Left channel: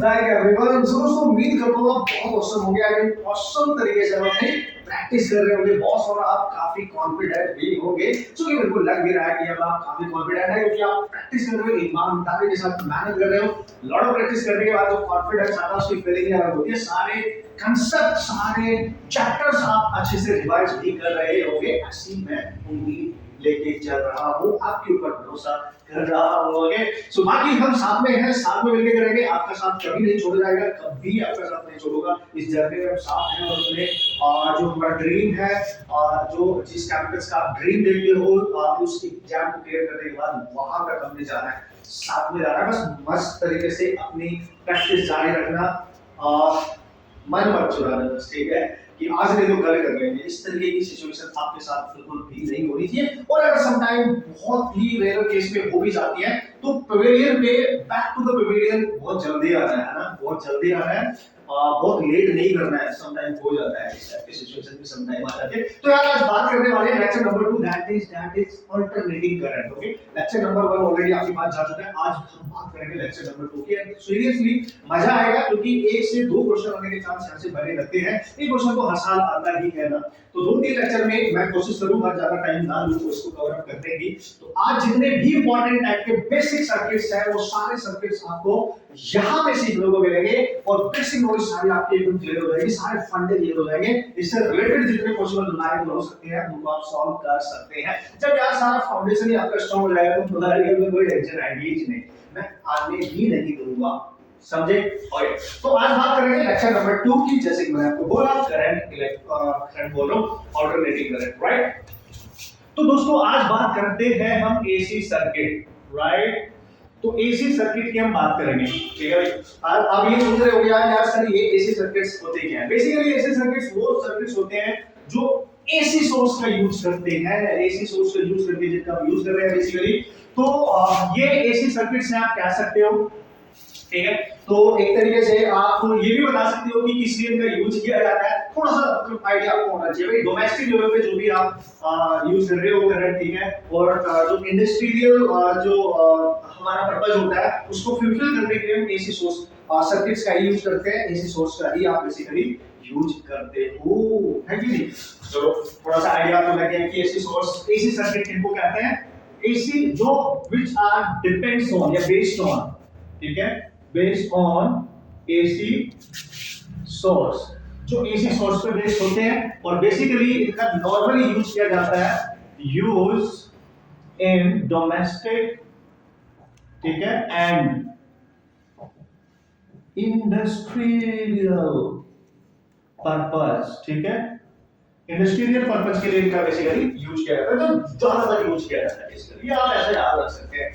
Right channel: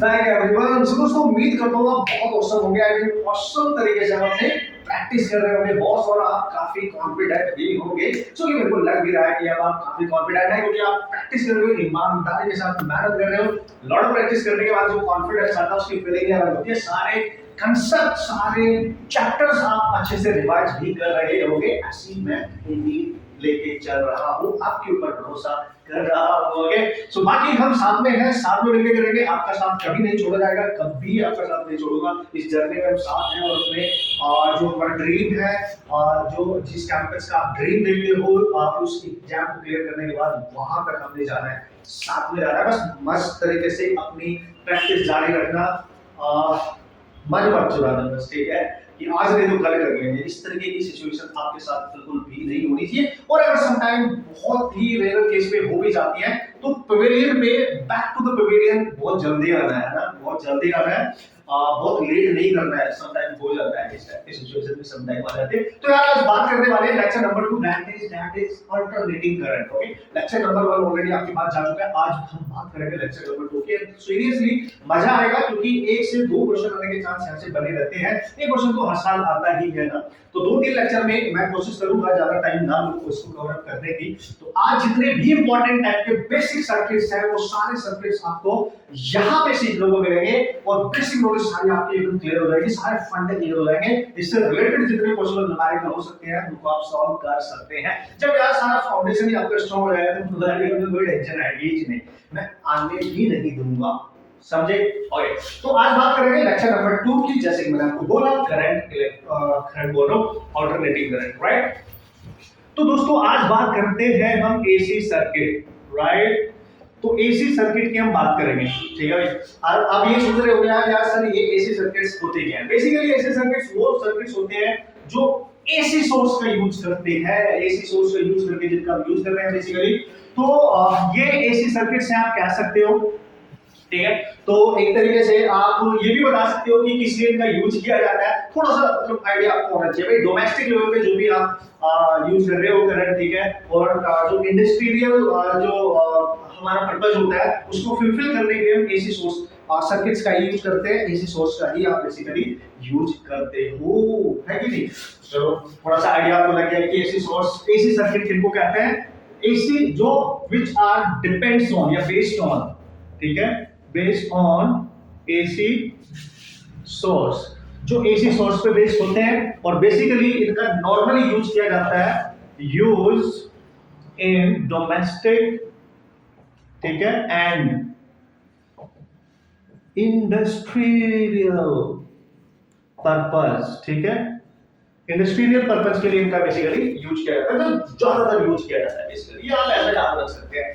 Back everyone. सो दोस्तों उम्मीद करता हूँ आप बहुत औसम होंगे, आई मीन औसम तरीके से आप अपने प्रैक्टिस कर रहे होंगे बॉस, और आप काफी कॉन्फिडेंट भी होंगे। सो ये मेरे को लग भी रहा है कि अब आप काफी कॉन्फिडेंट हैं, क्योंकि आप प्रैक्टिस कर रहे हो, ईमानदारी के साथ मेहनत कर रहे हो। लॉट ऑफ प्रैक्टिस करने के बाद जो कॉन्फिडेंस आता है उसकी फीलिंग अलग होती है। सारे कंसेप्ट, सारे चैप्टर्स आप अच्छे से रिवाइज भी कर रहे होंगे, ऐसी मैं उम्मीद लेके चल रहा हूँ, आपके ऊपर भरोसा कर रहा हूँ। सो बाकी हम साथ में हैं, साथ में मिलकर करेंगे। आपका साथ कभी नहीं छोड़ा जाएगा, कभी आपका साथ नहीं छोड़ूंगा। इस जर्नी में हम साथ हैं, और अपने जो हमारा ड्रीम है, और जो जिस कैंपस का आप ड्रीम देखते हो, आप उस एग्जाम को क्लियर करने के बाद वहां तक हमने जाना है, साथ में जाना है। बस मस्त तरीके से अपनी प्रैक्टिस जारी रखना, मन मत चुराना, बस ठीक है कि आज नहीं तो कल कर लेंगे। इस तरीके की सिचुएशन आपके साथ बिल्कुल भी नहीं होनी चाहिए। और अगर सम टाइम बहुत ही रेयर केस में हो भी जाती है, तो पवेलियन पे बैक टू द पवेलियन बहुत जल्दी आना है ना, बहुत जल्दी आना है, बहुत लेट नहीं करना है। सम टाइम हो जाता है, इस टाइप की सिचुएशन में सम टाइम आ जाते हैं। तो यार आज बात करने वाले हैं lecture number 2, that is alternating current. Okay, lecture number 1 already आपके पास जा चुका है, आज हम बात करेंगे लेक्चर नंबर 2 की। सीरियसली मजा आएगा, क्योंकि 1 से 2 क्वेश्चन आने के चांस यहां से बने रहते हैं। एक क्वेश्चन तो हर साल आता ही है ना, तो 2-3 लेक्चर में मैं कोशिश करूंगा ज्यादा टाइम ना लूं उसको कवर अप करने की। तो आज जितने भी इंपॉर्टेंट टाइप के बेसिक सर्किट्स हैं, वो सारे सर्किट्स आपको यहां पे सीखने को मिलेंगे, और बेसिक नॉलेज सारी आपकी एकदम क्लियर हो जाएगी, सारे फंडे क्लियर हो जाएंगे। इससे रिलेटेड जितने क्वेश्चन न्यूमेरिकल हो सकते हैं उनको आप सॉल्व कर सकते हैं। जब यार सारा फाउंडेशन ही आपका स्ट्रांग हो जाएगा, तो न्यूमेरिकल में कोई टेंशन आएगी ही नहीं, मैं आने भी नहीं दूंगा, समझे? ओके, तो आज बात करेंगे लेक्चर नंबर 2 की। जैसे कि मैंने आपको बोला, करंट बोलो, अल्टरनेटिंग करंट, राइट? तो दोस्तों आज बात करते हैं हम एसी सर्किट, राइट? तो एसी सर्किट की हम बात करेंगे, ठीक है? अब ये सोच रहे हो यार सर ये एसी सर्किट्स होते क्या हैं? बेसिकली एसी सर्किट्स वो सर्किट्स होते हैं जो एसी सोर्स का यूज करते हैं, एसी सोर्स का यूज करके जिनका हम यूज कर रहे हैं बेसिकली। तो ये एसी सर्किट्स हैं, आप कह सकते हो, ठीक है? तो एक तरीके से आप ये भी बता सकते हो कि किस लिए इनका यूज किया जाता है, थोड़ा सा मतलब आइडिया आपको होना चाहिए। भाई डोमेस्टिक लेवल पे जो भी आप यूज कर रहे हो करंट, ठीक है? और जो इंडस्ट्रियल जो हमारा पर्पस होता है उसको फुलफिल करने के लिए हम एसी सोर्स सर्किट्स का ही यूज करते हैं, एसी सोर्स का ही आप बेसिकली यूज करते हो, है कि नहीं? चलो थोड़ा सा आइडिया आपको लग गया कि एसी सोर्स, एसी सर्किट किनको कहते हैं? एसी जो व्हिच आर डिपेंड्स ऑन या बेस्ड ऑन, ठीक है, बेस्ड ऑन एसी सोर्स, जो एसी सोर्स पे बेस्ड होते हैं। और बेसिकली इनका नॉर्मली यूज किया जाता है, यूज इन डोमेस्टिक, ठीक है, एंड इंडस्ट्रियल पर्पस, ठीक है? इंडस्ट्रियल पर्पस के लिए इनका बेसिकली यूज किया जाता है, तो ज्यादातर यूज किया जाता है बेसिकली, ये आप ऐसे याद रख सकते हैं।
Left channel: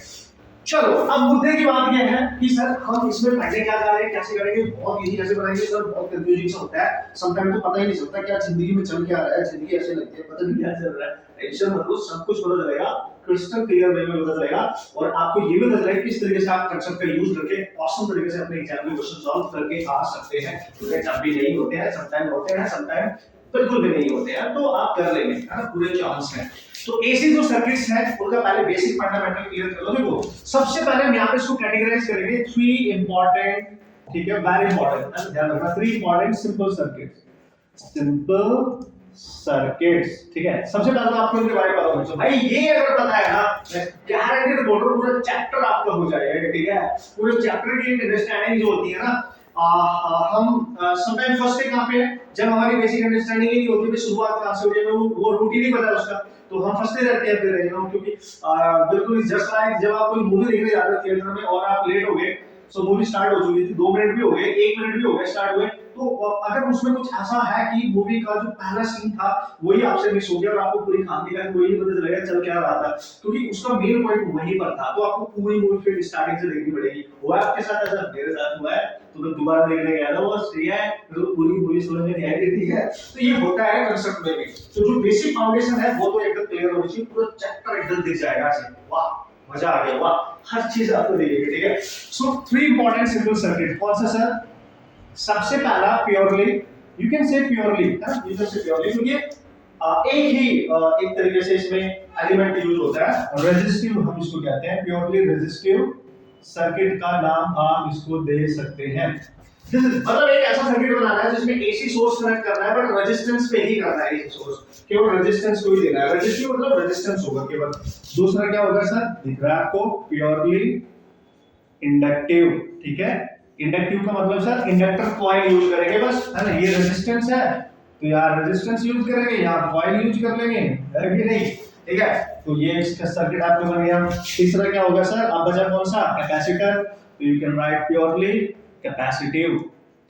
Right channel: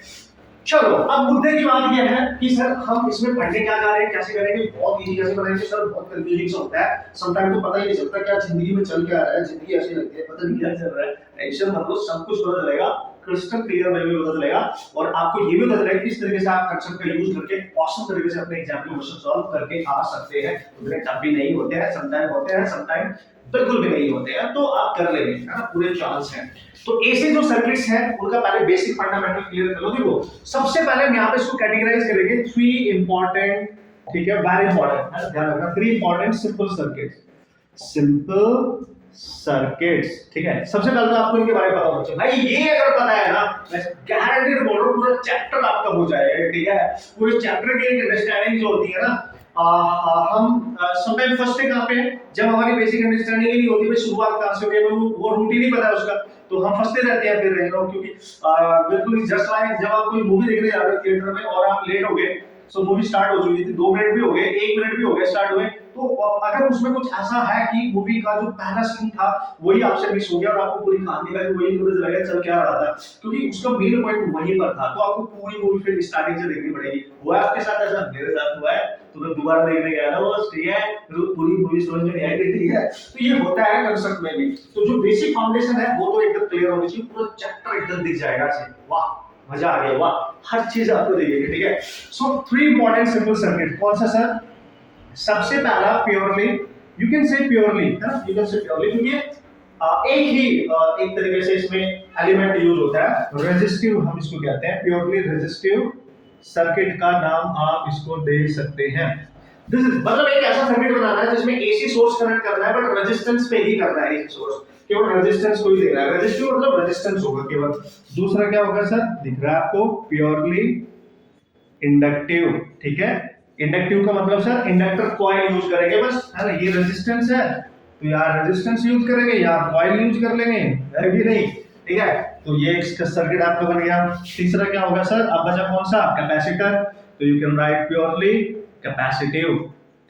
चलो अब मुद्दे की बात यह है कि सर हम इसमें पढ़ने क्या जा रहे हैं, कैसे करेंगे, बहुत इजी कैसे बनाएंगे सर, बहुत कंफ्यूजिंग सा होता है। समटाइम तो पता ही नहीं चलता क्या जिंदगी में चल क्या रहा है, जिंदगी ऐसे लगती है पता नहीं क्या चल रहा है। टेंशन मत लो, सब कुछ पता चलेगा, क्रिस्टल क्लियर वे में पता चलेगा, और आपको ये भी पता चलेगा किस तरीके से आप कंसेप्ट का यूज करके ऑसम तरीके से अपने एग्जाम में क्वेश्चन सॉल्व करके आ सकते हैं। जब भी नहीं होते हैं, समटाइम होते हैं, समटाइम बिल्कुल भी नहीं होते हैं, तो आप कर लेंगे, है ना, पूरे चांस हैं। तो एसी जो सर्किट्स हैं उनका पहले बेसिक फंडामेंटल क्लियर कर लो। देखो सबसे पहले हम यहां पे इसको कैटेगराइज करेंगे 3 इंपॉर्टेंट, ठीक है, वेरी इंपॉर्टेंट, ध्यान रखना, 3 important simple circuits, simple circuits, ठीक है? सबसे पहले तो आपको इनके बारे में पता होना चाहिए। भाई ये अगर पता है ना, मैं गारंटीड बोल रहा हूं पूरा चैप्टर आपका हो जाएगा, ठीक है? पूरे चैप्टर की अंडरस्टैंडिंग जो होती है ना, हम समटाइम फर्स्ट डे कहां पे है, जब हमारी बेसिक अंडरस्टैंडिंग ही नहीं होती, भाई शुरुआत कहां से हो रही है, वो रूट ही नहीं पता है उसका, तो हम फंसते रहते हैं फिर रह जाओ। क्योंकि बिल्कुल जस्ट लाइक जब आप कोई मूवी देखने जा रहे हो थिएटर में और आप लेट हो गए, सो मूवी स्टार्ट हो चुकी थी, 2 मिनट भी हो गए, 1 मिनट भी हो गए स्टार्ट हुए, तो अगर उसमें कुछ ऐसा है कि मूवी का जो पहला सीन था वही आपसे मिस हो गया और आपको पूरी कहानी का वही पता चला गया चल क्या रहा था, क्योंकि उसका मेन पॉइंट वहीं पर था, तो आपको पूरी मूवी फिर स्टार्टिंग से देखनी पड़ेगी। हुआ आपके साथ ऐसा? मेरे साथ हुआ है, तो मैं दोबारा देखने गया था, बस ठीक है, तो पूरी मूवी समझ में नहीं आई, ठीक है? तो ये होता है कंसेप्ट में भी। तो जो बेसिक फाउंडेशन है वो तो एकदम क्लियर होनी चाहिए, पूरा चैप्टर एकदम दिख जाएगा ऐसे, वाह मजा आ गया, वाह हर चीज आपको दिखेगी, ठीक है? सो 3 इंपॉर्टेंट सिंपल सर्किट, कौन सा सर? सबसे पहला purely, you can say purely, है ना, यू कैन से प्योरली, क्योंकि एक ही एक तरीके से इसमें एलिमेंट यूज होता है, रेजिस्टिव हम इसको कहते हैं, प्योरली रेजिस्टिव सर्किट का नाम आप इसको दे सकते हैं। मतलब एक ऐसा सर्किट बनाना है जिसमें एसी सोर्स कनेक्ट करना है बट रेजिस्टेंस पे ही करना है एसी सोर्स, केवल रेजिस्टेंस को ही देना है। रेजिस्टिव मतलब रेजिस्टेंस होगा केवल। दूसरा क्या होगा सर, दिख रहा है आपको, प्योरली इंडक्टिव। ठीक है, इंडक्टिव का मतलब सर इंडक्टर कॉइल यूज करेंगे बस, है ना। ये रेजिस्टेंस है तो यहाँ रेजिस्टेंस यूज करेंगे, यहाँ कॉइल यूज कर लेंगे, है कि नहीं। ठीक है, तो ये इसका सर्किट आपका बन गया। तीसरा क्या होगा सर, अब बचा कौन सा, कैपेसिटर। तो you can write purely capacitive.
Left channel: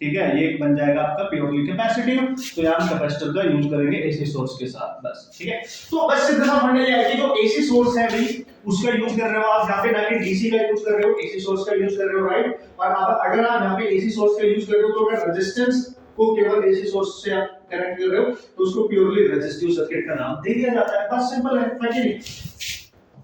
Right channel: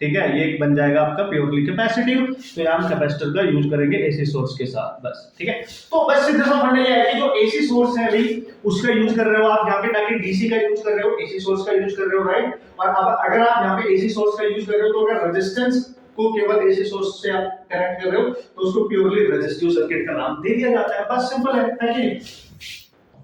ठीक है, ये बन जाएगा आपका प्योरली कैपेसिटिव। तो यहाँ हम कैपेसिटर का यूज करेंगे एसी सोर्स के साथ बस। ठीक है, तो बस सीधा सा पढ़ने ये है कि जो एसी सोर्स है अभी उसका यूज कर रहे हो आप यहाँ पे, ताकि डीसी का यूज कर रहे हो, एसी सोर्स का यूज कर रहे हो, राइट। और अब अगर आप यहाँ पे एसी सोर्स का यूज कर रहे हो तो अगर रेजिस्टेंस को केवल एसी सोर्स से आप कनेक्ट कर रहे हो तो उसको प्योरली रेजिस्टिव सर्किट का नाम दे दिया जाता है। बस सिंपल है कि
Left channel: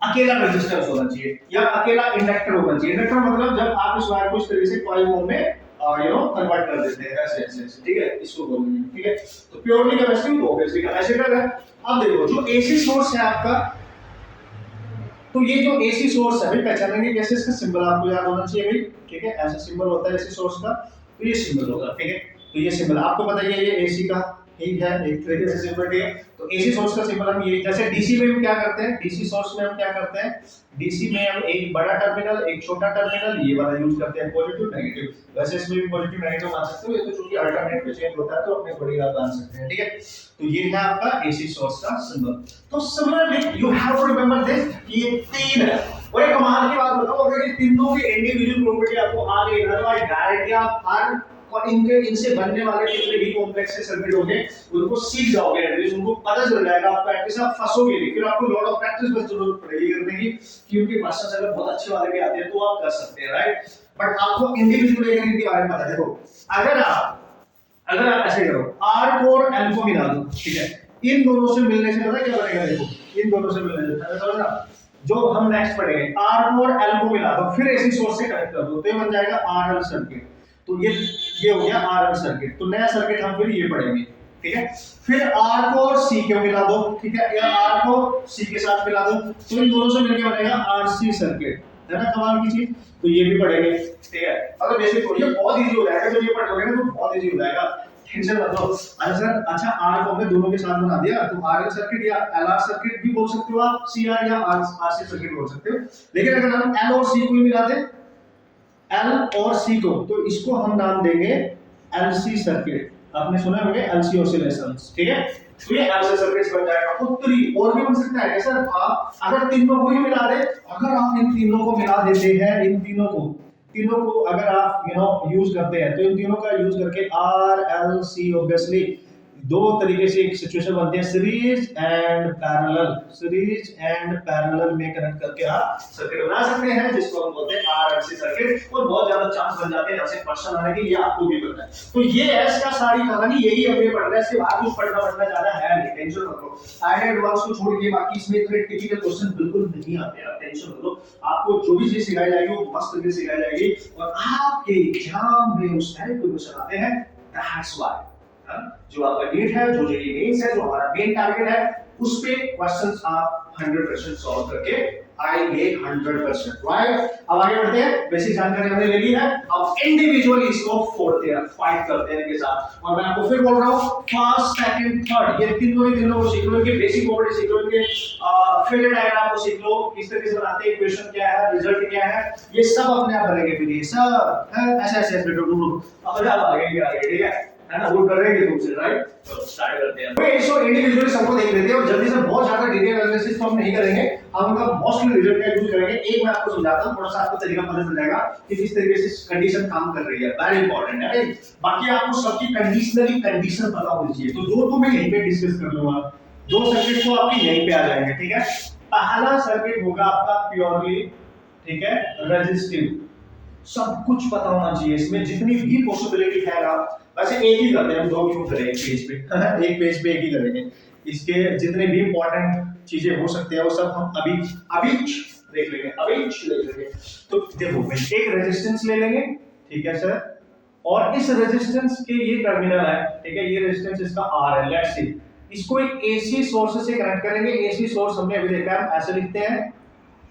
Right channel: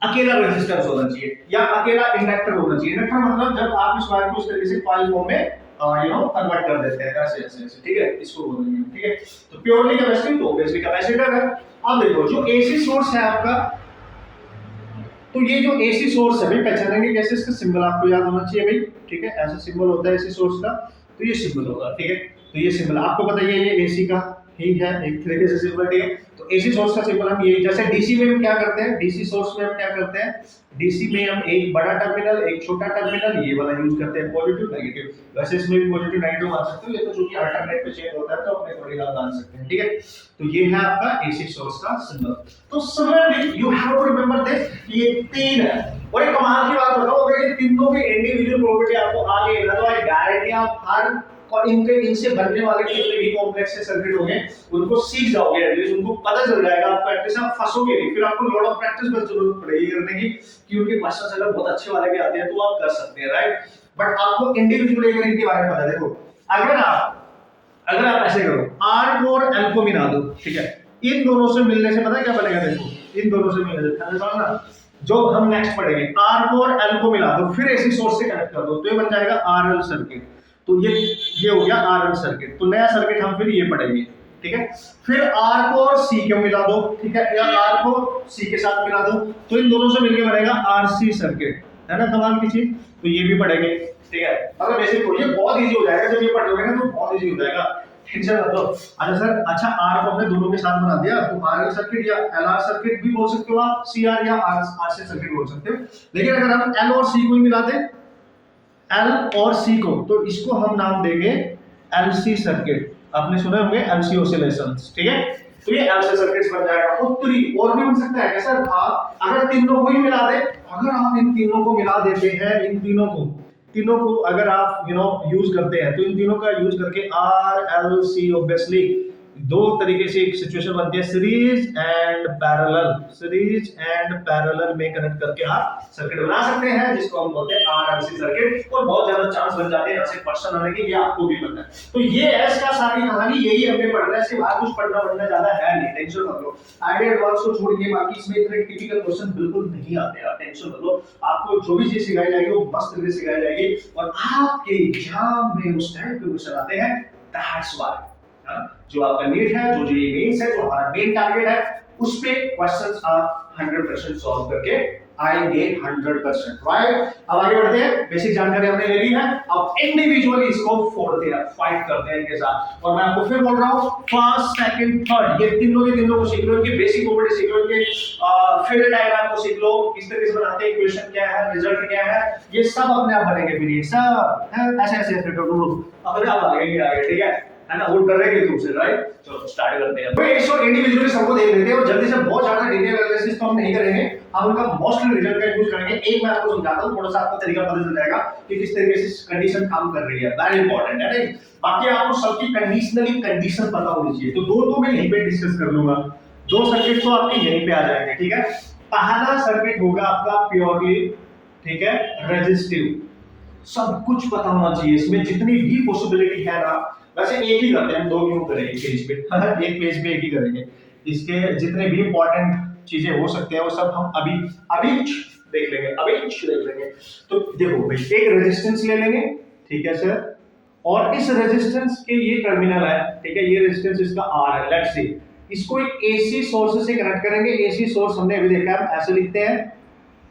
अकेला रेजिस्टेंस होना चाहिए या अकेला इंडक्टर होना चाहिए। इंडक्टर मतलब जब आप इस वायर को इस तरीके से कॉइल फॉर्म में कन्वर्ट कर देते हैं ऐसे ऐसे ऐसे। ठीक है, इसको बोलेंगे। ठीक है, तो प्योरली कैपेसिटिव तो ऑब्वियसली कैपेसिटर है। अब देखो जो एसी सोर्स है आपका, तो ये जो एसी सोर्स है भाई, पहचानेंगे कैसे, इसका सिंबल आपको याद होना चाहिए भाई। ठीक है, ऐसा सिंबल होता है एसी सोर्स का, तो ये सिंबल होगा। ठीक है, तो ये सिंबल आपको बताइए, ये एसी का ही है एक तरीके से सिंबल। ठीक है, तो एसी सोर्स का सिंबल हम ये, जैसे डीसी में हम क्या करते हैं, डीसी सोर्स में हम क्या करते हैं, डीसी में हम एक बड़ा टर्मिनल एक छोटा टर्मिनल ये वाला यूज करते हैं, पॉजिटिव नेगेटिव। वैसे इसमें भी पॉजिटिव नेगेटिव मान सकते हो, ये तो चूंकि अल्टरनेट पे चेंज होता है तो अपने अकॉर्डिंग आप मान सकते हैं। ठीक है, तो ये है आपका एसी सोर्स का सिंबल। तो similarly you have to remember this, ये तीन है। और एक कमाल की बात बताओ, अगर ये तीनों की इंडिविजुअल प्रॉपर्टी आपको आ गई ना, तो आई गारंटी आप हर और इनसे बनने वाले जितने भी कॉम्प्लेक्स सर्किट होंगे उनको सीख जाओगे, एटलीस्ट उनको पता चल जाएगा। आप प्रैक्टिस आप फंसोगे नहीं, फिर आपको लॉट ऑफ प्रैक्टिस बस जरूरत पड़ेगी करने की, क्योंकि क्वेश्चंस अगर बहुत अच्छे वाले भी आते हैं तो आप कर सकते हैं, राइट। बट आपको इंडिविजुअली एक इनके बारे में पता है। देखो, अगर आप ऐसे करो, R को और L को मिला दो, ठीक है, इन दोनों से मिलने से पता क्या बनेगा, देखो इन दोनों से मिलने से समझना, जो हम नेक्स्ट पढ़ेंगे, R को और L को मिला दो, फिर एसी सोर्स से कनेक्ट कर दो, तो ये बन जाएगा RL सर्किट। तो ये हो गया RL सर्किट। तो नया सर्किट हम फिर ये पढ़ेंगे। ठीक है, फिर R को और C को मिला दो, ठीक है, या R को C के साथ मिला दो, तो इन दोनों से मिलके बनेगा RC सर्किट, है ना, कमाल की चीज। तो ये भी पढ़ेंगे। ठीक है, अगर बेसिक थोड़ी बहुत इजी हो जाएगा, जब ये पढ़ लोगे ना तो बहुत इजी हो जाएगा, टेंशन मत लो। अच्छा सर, अच्छा R को हमने दोनों के साथ बना दिया, तो RL सर्किट या LR सर्किट भी बोल सकते हो आप, CR या RC सर्किट बोल सकते हो। लेकिन अगर हम L और C को ही मिला दें, L और C को, तो इसको हम नाम देंगे LC सर्किट। आपने सुने होंगे LC ऑसिलेशंस। ठीक है, तो ये LC सर्किट्स बन जाएगा। उत्तरी और भी बन सकता है सर, आप अगर तीनों को ही मिला दे, अगर आप इन तीनों को मिला देते हैं, इन तीनों को अगर आप यूज करते हैं, तो इन तीनों का यूज करके RLC ऑब्वियसली दो तरीके से एक सिचुएशन बनती है, सीरीज एंड पैरेलल में कनेक्ट करके आप सर्किट बना सकते हैं, जिसको हम बोलते हैं RLC सर्किट। और बहुत ज्यादा चांस बन जाते हैं यहाँ से क्वेश्चन आने के, ये आपको भी पता है। तो ये है इसका सारी कहानी, यही हमने पढ़ना है, इसके बाद कुछ पढ़ना ज्यादा है नहीं, टेंशन मत लो। आइडिया एडवांस को छोड़ के बाकी इसमें इतने टिपिकल क्वेश्चन बिल्कुल नहीं आते, आप टेंशन मत लो। आपको जो भी चीज सिखाई जाएगी वो मस्त तरीके से सिखाई जाएगी, और आपके एग्जाम में उस टाइप के क्वेश्चन आते हैं। दैट्स व्हाई जो आपका नीट है, जो जेईई मेंस है, जो हमारा मेन टारगेट है, उस पे क्वेश्चंस आप 100% सॉल्व करके आएंगे 100%, राइट। अब आगे बढ़ते हैं, बेसिक जानकारी हमने ले ली है, अब इंडिविजुअली इसको फोड़ते हैं, फाइट करते हैं इनके साथ। और मैं आपको फिर बोल रहा हूं, फर्स्ट सेकंड थर्ड ये तीनों को सीख लो, इनके बेसिक प्रॉपर्टी सीख लो, इनके फेजर डायग्राम को सीख लो, किस तरीके से बनाते हैं, इक्वेशन क्या है, रिजल्ट क्या है, ये सब अपने आप बनेंगे। फिर ये सब ऐसे ऐसे ऐसे अब आगे, ठीक है ना, वो डरेंगे तुमसे, राइट। चलो स्टार्ट करते हैं। भाई इसको इंडिविजुअली सबको देख लेते हैं, और जल्दी से बहुत ज्यादा डिटेल एनालिसिस तो हम नहीं करेंगे, हम उनका मोस्टली रिजल्ट का यूज करेंगे। एक मैं आपको समझाता हूं, थोड़ा सा आपको तरीका पता चल जाएगा कि किस तरीके से कंडीशन काम कर रही है, वेरी इंपॉर्टेंट है, राइट। बाकी आपको सबकी कंडीशनली कंडीशन पता होनी चाहिए। तो दो मैं यहीं पे डिस्कस कर लूंगा, दो सर्किट तो आपके यहीं पे आ जाएंगे, ठीक है। पहला सर्किट होगा आपका प्योरली, ठीक है, रेजिस्टिव। सब कुछ पता होना चाहिए, इसमें जितनी भी पॉसिबिलिटी है ना, वैसे एक ही करते हैं हम, दो क्यों करेंगे पेज पे, एक पेज पे एक ही करेंगे। इसके जितने भी इंपॉर्टेंट चीजें हो सकते हैं वो सब हम अभी देख लेंगे। तो देखो भाई, एक रेजिस्टेंस ले लेंगे, ठीक है सर, और इस रेजिस्टेंस के ये टर्मिनल है, ठीक है, ये रेजिस्टेंस इसका R है, लेट्स सी। इसको एक AC सोर्स से कनेक्ट करेंगे। AC सोर्स हमने अभी देखा है, ऐसे लिखते हैं,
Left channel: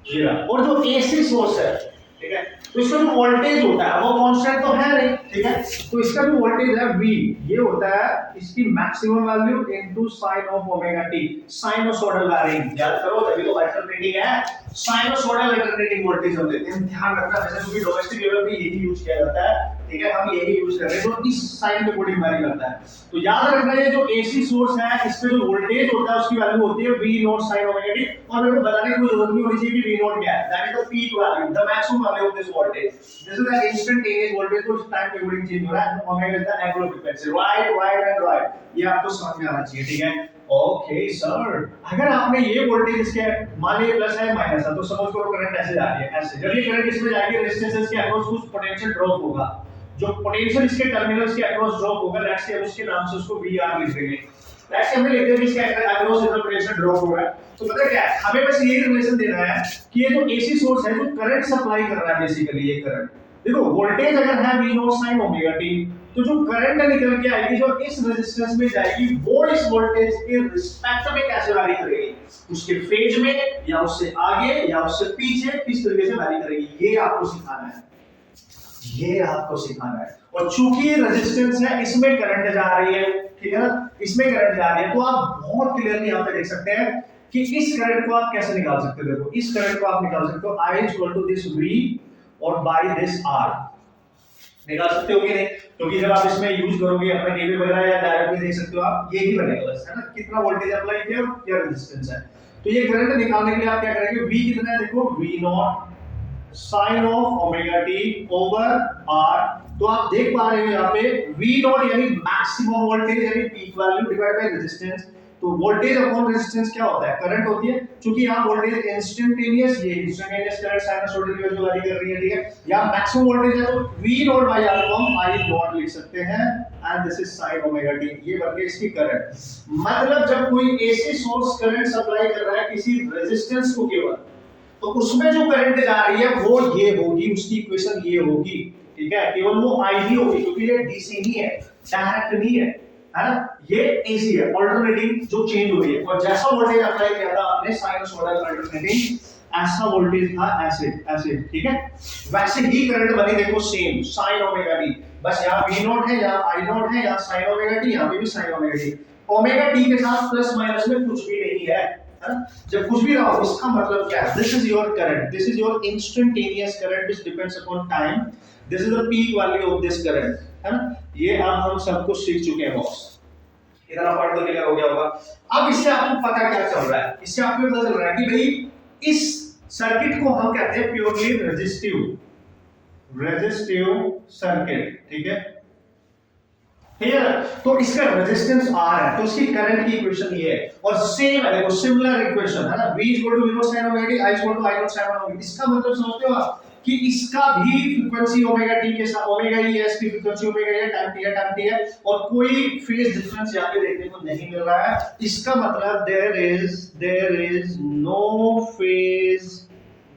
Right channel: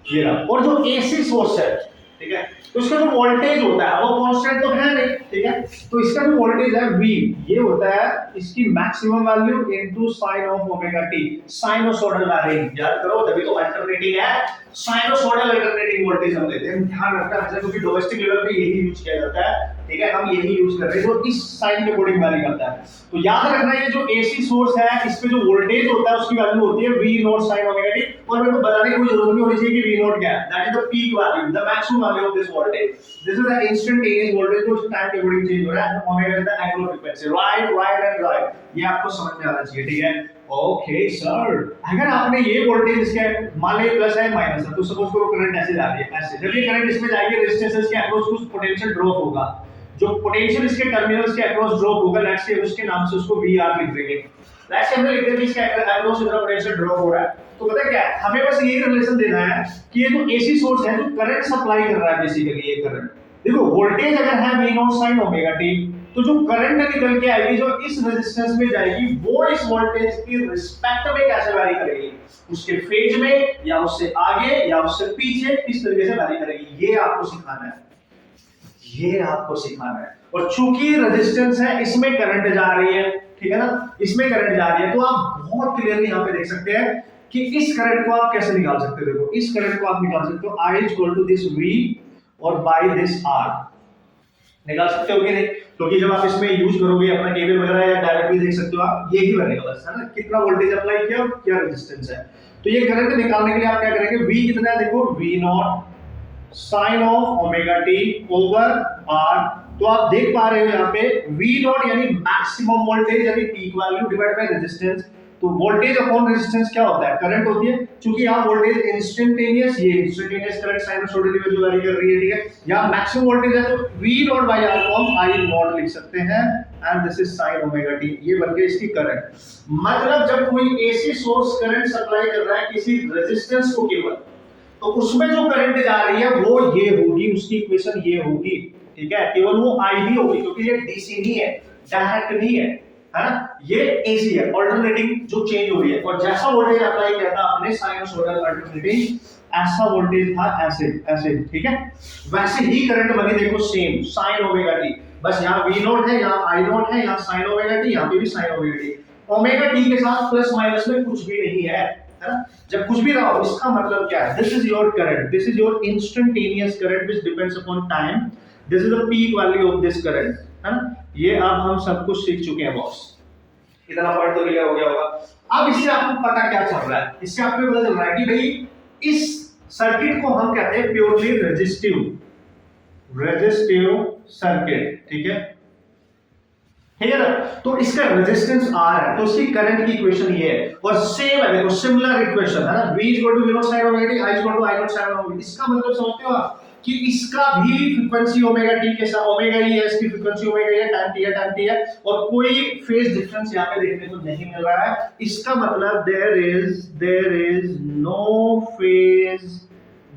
ये रहा। और जो AC सोर्स है, ठीक है, तो इसका जो वोल्टेज होता है वो कांस्टेंट तो है नहीं, ठीक है। तो इसका जो वोल्टेज है V, ये होता है इसकी maximum value into sine of omega T, sinusoidal varying. याद करो, तभी तो अल्टरनेटिंग है, साइनोसॉइडल अल्टरनेटिंग वोल्टेज हम लेते हैं। ध्यान रखना वैसे, क्योंकि डोमेस्टिक लेवल पे यही यूज किया जाता है, ठीक है, हम यही यूज कर रहे हैं जो इस साइन के अकॉर्डिंग वैरी करता है। तो याद रखना ये जो एसी सोर्स है इस पे जो वोल्टेज होता है उसकी वैल्यू होती है V naught sin omega T, और मेरे को बताने की कोई जरूरत नहीं होनी चाहिए कि V नॉट क्या है, that is the peak value, the maximum value of this voltage, this is the instantaneous voltage जो टाइम के अकॉर्डिंग चेंज हो रहा है, omega is the angular frequency, right right and right, ये आपको समझ में आना चाहिए, ठीक है। ओके सर, अगर आपने ये वोल्टेज इसके मान लीजिए प्लस है माइनस है, तो सपोज करो करंट ऐसे जा रही है, ऐसे जब ये करंट इसमें जाएगी रेजिस्टेंस के अक्रॉस कुछ पोटेंशियल ड्रॉप होगा, जो पोटेंशियल इसके टर्मिनल्स के अक्रॉस ड्रॉप होगा, लेट्स से उसके नाम से उसको VR लिख देंगे, लेट्स से हमने लिख दिया कि इसके अक्रॉस इतना पोटेंशियल ड्रॉप हो रहा है। तो पता है क्या है, हमें बस ये रिलेशन देना है कि ये जो एसी सोर्स है जो करंट सप्लाई कर रहा है, बेसिकली ये करंट, देखो वोल्टेज अगर है V naught sin omega t, तो जो करंट निकल के आएगी जो इस रेजिस्टेंस में जाएगी वो इस वोल्टेज के रिस्पेक्ट में कैसे वैरी करेगी, उसके फेज में या उससे आगे या उससे पीछे, किस तरीके से वैरी करेगी, ये आपको सिखाना है, ये आपको सिखाना है। और चूंकि रेजिस्टेंस है इसमें करंट जा रही है, ठीक है ना, इसमें करंट जा रही है, तो आप बहुत क्लियरली यहां पे देख सकते हैं कि इस करंट को आप कैसे निकाल सकते हो। देखो इस करंट को आप निकाल सकते हो I equal to this V और बाय दिस R, निकाल सकते हो कि नहीं, क्योंकि जब आप इसमें यूज करोगे अपना केबल वगैरह या डायरेक्टली देख सकते हो आप, यही बनेगा बस, है ना, कितना वोल्टेज अप्लाई किया और क्या रेजिस्टेंस है। तो ये करंट निकालने के लिए आप क्या करेंगे, V कितना है, देखो V naught sin of omega T over R, तो आप देख पा रहे हो यहाँ पे V नॉट यानी मैक्सिमम वोल्टेज यानी peak value divide by resistance, तो वोल्टेज अपॉन रेजिस्टेंस क्या होता है, करंट होती है, क्योंकि यहाँ वोल्टेज इंस्टेंटेनियस, ये इंस्टेंटेनियस करंट साइनसॉइडल में जो वैरी कर रही है, ठीक है, यहाँ मैक्सिमम वोल्टेज है तो V नॉट बाय R को हम I नॉट लिख सकते हैं, and this is sin omega T, ये बन गई इसकी करंट। मतलब जब कोई एसी सोर्स करंट सप्लाई कर रहा है किसी रेजिस्टेंस को केवल, तो उसमें जो करंट जा रही है वो ये होगी, उसकी इक्वेशन ये होगी, ठीक है, केवल वो I ही होगी, क्योंकि ये DC नहीं है, डायरेक्ट नहीं है ना, ये AC है, अल्टरनेटिंग जो चेंज हो रही है, और जैसा वोल्टेज अप्लाई किया था आपने साइनसॉइडल अल्टरनेटिंग, ऐसा वोल्टेज था ऐसे ऐसे, ठीक है, वैसे ही करंट बनी, देखो सेम sin ओमेगा टी, बस यहाँ V नॉट है, यहाँ I नॉट है, यहाँ sin ओमेगा टी, यहाँ पे भी sin omega T, omega T के साथ प्लस माइनस में कुछ भी नहीं है, जब कुछ भी रहा हो इसका मतलब क्या है, this is your current, this is your instantaneous current which depends upon time, this is the peak value of this current, है ना, ये अब हम सब कुछ सीख चुके हैं बॉस, इतना पढ़ तो क्लियर हो गया होगा। अब इससे आपको पता क्या चल रहा है, इससे आपको पता चल रहा है कि भाई इस सर्किट को हम कहते हैं प्योरली रेजिस्टिव सर्किट, ठीक है, ठीक है ना, तो इसका रेजिस्टेंस R है, तो इसकी करंट की इक्वेशन ये है, और सेम है, देखो सिमिलर इक्वेशन है ना, V equal to V naught sin omega t, I equal to I naught sin omega t, इसका मतलब समझते हो आप कि इसका भी फ्रीक्वेंसी ओमेगा टी के साथ, ओमेगा ही है, इसकी फ्रीक्वेंसी ओमेगा है, टाइम टी है, और कोई फेज डिफरेंस यहाँ पे देखने को नहीं मिल रहा है, इसका मतलब there is no phase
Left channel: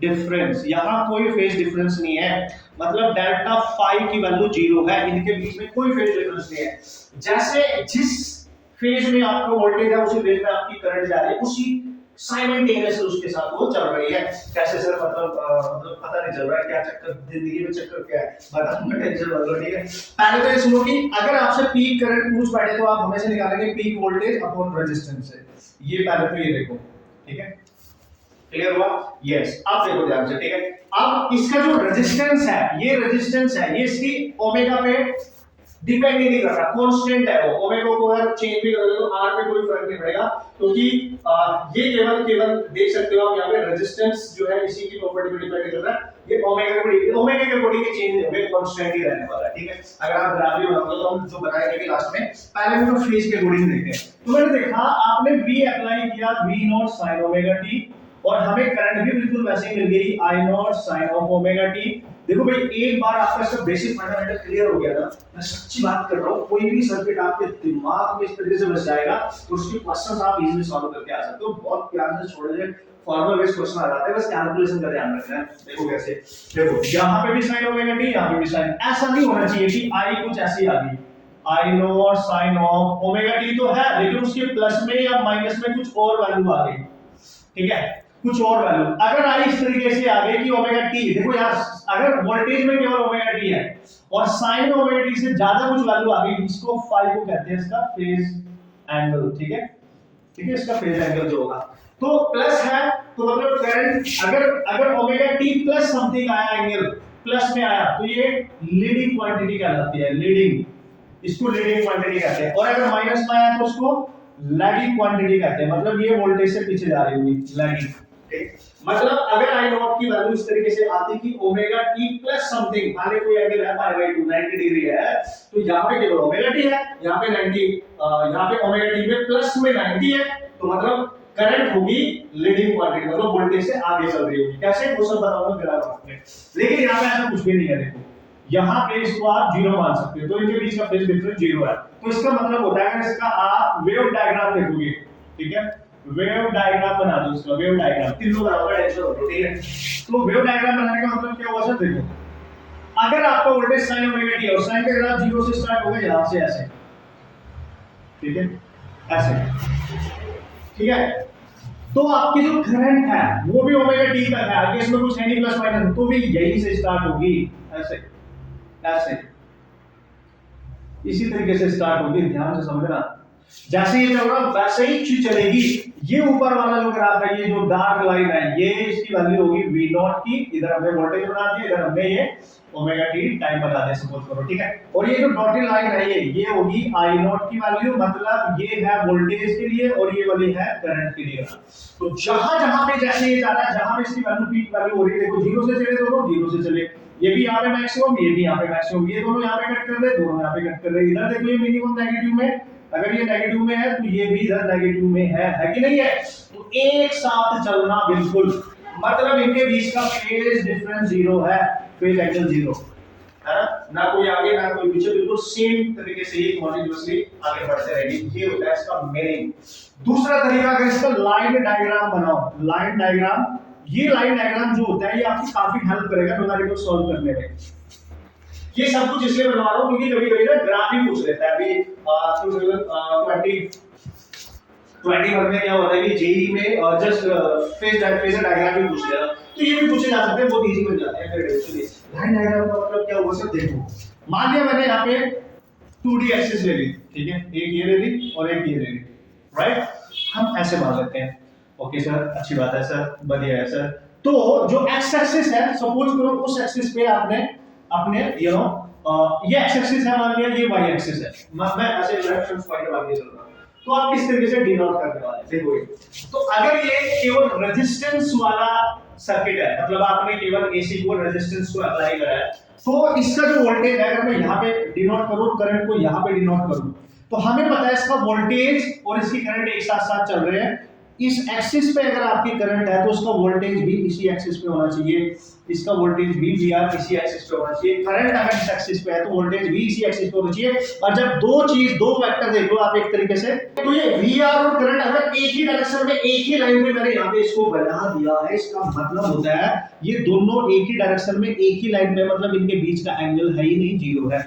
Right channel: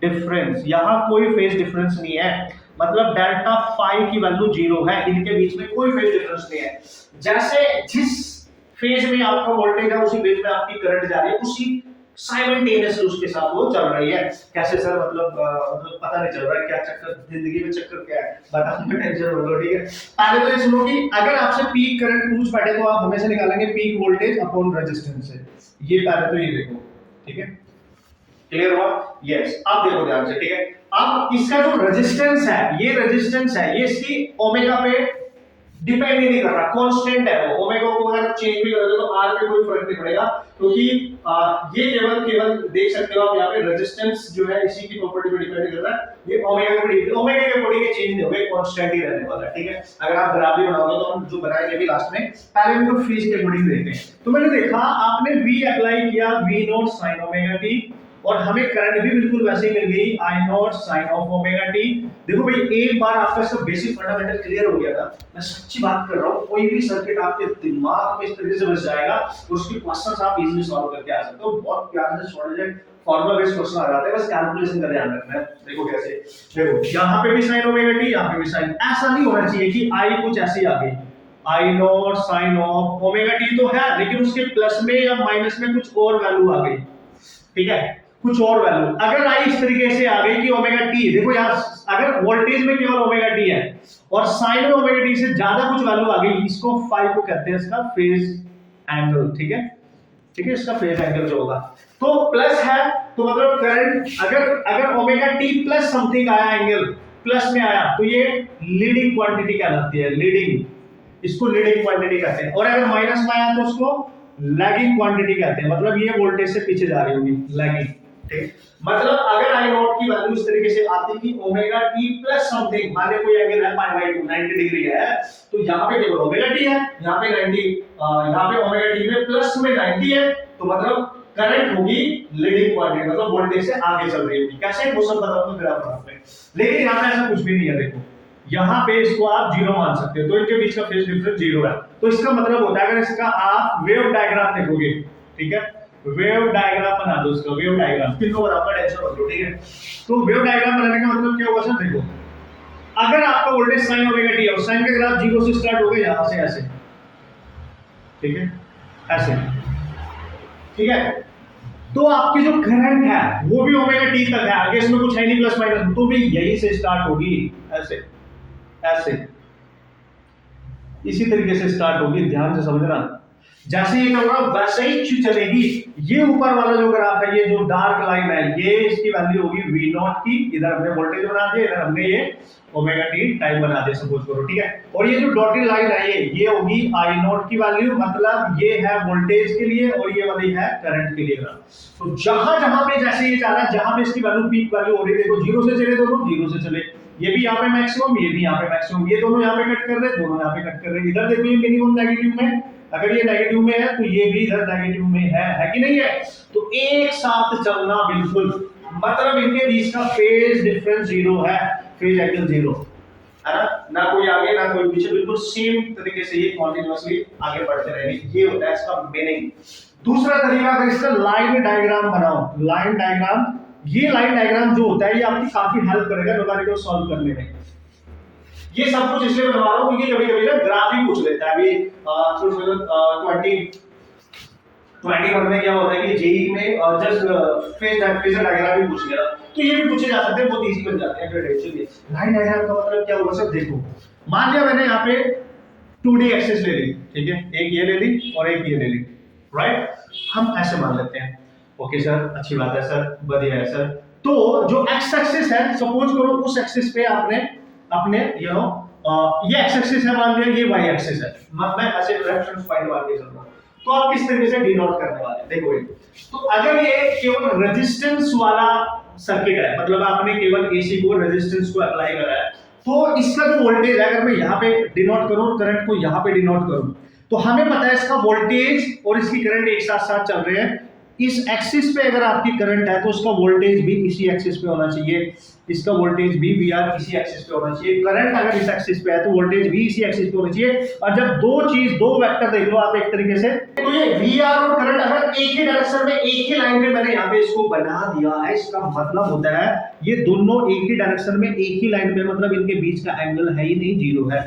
difference, यहाँ कोई फेज डिफरेंस नहीं है, मतलब डेल्टा फाई की वैल्यू 0 है, इनके बीच में कोई फेज डिफरेंस नहीं है, जैसे जिस फेज में आपका वोल्टेज है उसी फेज में आपकी करंट जा रही है, उसी साइमल्टेनियसली उसके साथ वो चल रही है। कैसे सर, मतलब पता नहीं चल रहा है क्या चक्कर, जिंदगी में चक्कर क्या है, बताऊंगा, टेंशन मत लो, ठीक है। पहले तो ये सुनो कि अगर आपसे पीक करंट पूछ बैठे तो आप हमेशा निकालेंगे पीक वोल्टेज अपॉन रेजिस्टेंस से, ये पहले तो ये देखो, ठीक है, क्लियर हुआ, यस, अब देखो ध्यान से, ठीक है, अब इसका जो रेजिस्टेंस है, ये रेजिस्टेंस है, ये इसकी ओमेगा पे डिपेंड नहीं कर रहा, कांस्टेंट है वो, ओमेगा को अगर चेंज भी करोगे तो R पे कोई फर्क नहीं पड़ेगा, क्योंकि ये केवल देख सकते हो आप यहाँ पे रेजिस्टेंस जो है इसी की प्रॉपर्टी पे डिपेंड कर रहा है, ये ओमेगा के अकॉर्डिंग चेंज नहीं होगा, कांस्टेंट ही रहने वाला है, ठीक है। अगर आप ग्राफ भी बनाओगे तो हम जो बनाएंगे भी लास्ट में, पहले हम तो फेज के अकॉर्डिंग देखते हैं। तो मैंने देखा आपने V अप्लाई किया, V naught sin omega T, और हमें करंट भी बिल्कुल वैसे ही मिल गई, I naught sin of omega T. देखो भाई एक बार आपका सब बेसिक फंडामेंटल क्लियर हो गया था, मैं सच्ची बात कर रहा हूँ, कोई भी सर्किट आपके दिमाग में इस तरीके से बस जाएगा तो उसके क्वेश्चंस आप इजीली सॉल्व करके आ सकते हो, बहुत प्यार से छोड़ दे, फॉर्मूला बेस्ड क्वेश्चन आ जाते हैं, बस कैलकुलेशन का ध्यान रखना है। देखो कैसे, देखो यहाँ पे भी sin ओमेगा टी, यहाँ पे भी sin, ऐसा नहीं होना चाहिए कि I कुछ ऐसी आ गई, I naught sin of omega t तो है, लेकिन उसके प्लस में या माइनस में कुछ और वैल्यू आ गई, ठीक है, कुछ और वैल्यू, अगर I इस तरीके से आ गई कि ओमेगा टी, देखो यार अगर वोल्टेज में केवल ओमेगा टी है और साइन में ओमेगा टी से ज्यादा कुछ वैल्यू आ गई, इसको फाई को कहते हैं इसका फेज एंगल। ठीक है, ठीक है, इसका फेज एंगल जो होगा तो प्लस है, तो मतलब करंट अगर ओमेगा टी प्लस समथिंग आया, एंगल प्लस में आया, तो ये लीडिंग क्वांटिटी कहलाती है, लीडिंग, इसको लीडिंग क्वांटिटी कहते हैं। और अगर माइनस में आया तो उसको लैगिंग क्वांटिटी कहते हैं, मतलब ये वोल्टेज से पीछे जा रही होगी, लैगिंग। ठीक, मतलब अगर आई नॉट की वैल्यू इस तरीके से आती कि ओमेगा टी प्लस समथिंग, मान ले कोई एंगल है पाई बाय 2 90 डिग्री है, तो यहाँ पे केवल ओमेगा टी है, यहाँ पे 90, यहाँ पे ओमेगा टी में प्लस में 90 है, तो मतलब करंट होगी लीडिंग क्वांटिटी, मतलब वोल्टेज से आगे चल रही होगी। कैसे, वो सब बताऊंगा ग्राफ में। लेकिन यहाँ पे ऐसा कुछ भी नहीं है, देखो यहाँ पे इसको आप जीरो मान सकते हो, तो इनके बीच का फेज डिफरेंस जीरो है। तो इसका मतलब होता है अगर इसका आप वेव डायग्राम देखोगे, ठीक है, वेव डायग्राम बना दो इसका, वेव डायग्राम तीनों बराबर टेंशन होगी, ठीक है। तो वेव डायग्राम बनाने का मतलब क्या होगा सर, देखो अगर आपका वोल्टेज साइन ओमेगा टी है और साइन का ग्राफ जीरो से स्टार्ट होगा यहां से ऐसे, ठीक है, ऐसे, ठीक है, तो आपकी जो करंट है वो भी ओमेगा टी तक है, आगे इसमें कुछ है नहीं प्लस माइनस, तो भी यहीं से स्टार्ट होगी, ऐसे ऐसे, इसी तरीके से स्टार्ट होगी, ध्यान से समझना। जैसे ये चल रहा वैसे ही चलेगी। ये ऊपर वाला जो ग्राफ है, ये जो डार्क लाइन है, ये इसकी वैल्यू होगी v नॉट की, इधर हमने वोल्टेज बना दिया, इधर हमने ये ओमेगा टी टाइम बना दिया, सपोज करो, ठीक है। और ये जो डॉटेड लाइन है ये होगी आई नॉट की वैल्यू, मतलब ये है वोल्टेज के लिए और ये वाली है करंट के लिए ग्राफ। तो जहां जहां पे जैसे ये जा रहा है, जहां पे इसकी वैल्यू पीक वैल्यू हो रही है, देखो जीरो से चले, दोनों जीरो से चले, ये भी यहाँ पे मैक्सिमम, ये भी यहाँ पे मैक्सिमम, ये दोनों यहाँ पे कट कर रहे, दोनों यहाँ पे कट कर रहे। इधर देखो ये मिनिमम नेगेटिव में, अगर ये नेगेटिव में है तो ये भी इधर नेगेटिव में है कि नहीं है, तो एक साथ चलना बिल्कुल, मतलब इनके बीच का फेज डिफरेंस जीरो है, फेज एंगल जीरो है ना कोई आगे ना कोई पीछे, बिल्कुल सेम तरीके से ये कॉन्टिन्यूअसली आगे बढ़ते रहेंगे। ये होता है इसका मीनिंग। दूसरा तरीका, अगर इसका लाइन डायग्राम बनाओ, लाइन डायग्राम, ये लाइन डायग्राम जो होता है ये आपकी काफी हेल्प करेगा न्यूमेरिकल सॉल्व करने में। ये सब कुछ इसलिए बनवा रहा हूं क्योंकि कभी-कभी ना ग्राफ ही पूछ लेता है। अभी 2021 में क्या होता है कि जेईई में जस्ट फेजर डायग्राम भी पूछ लिया, तो ये भी पूछे जा सकते हैं, बहुत इजी बन जाते हैं क्रेडिट लिए। लाइन डायग्राम का मतलब क्या होगा सर, देखो मान लिया मैंने यहाँ पे 2D एक्सिस ले ली, ठीक है, एक ये ले ली और एक ये ले ली, राइट, हम ऐसे मान लेते हैं। ओके सर, अच्छी बात है सर, बढ़िया है सर। तो जो एक्स एक्सिस है, सपोज करो उस एक्सिस पे आपने अपने ये एक्स एक्सिस है, मान लिया ये वाई एक्सिस है, मैं ऐसे रेफरेंस पॉइंट मान के चल रहा हूं, तो आप किस तरीके से डिनोट करने वाले हैं, देखो ये, तो अगर ये केवल रेजिस्टेंस वाला सर्किट है, मतलब आपने केवल एसी को रेजिस्टेंस को अप्लाई करा है, तो इसका जो वोल्टेज है, अगर मैं यहाँ पे डिनोट करूं, करंट को यहाँ पे डिनोट करूं, तो हमें पता है इसका वोल्टेज और इसकी करंट एक साथ साथ चल रहे हैं। इस एक्सिस पे अगर आपकी करंट है तो उसका वोल्टेज भी इसी एक्सिस पे होना चाहिए, इसका वोल्टेज भी वीआर इसी एक्सिस पे होना चाहिए। करंट अगर इस एक्सिस पे है तो वोल्टेज भी इसी एक्सिस पे होना चाहिए। और जब दो वेक्टर देख लो आप एक तरीके से, तो ये वीआर और करंट अगर एक ही डायरेक्शन में एक ही लाइन पे मैंने यहाँ पे इसको बना दिया है, इसका मतलब होता है ये दोनों एक ही डायरेक्शन में एक ही लाइन पे, मतलब इनके बीच का एंगल है ही नहीं, जीरो है,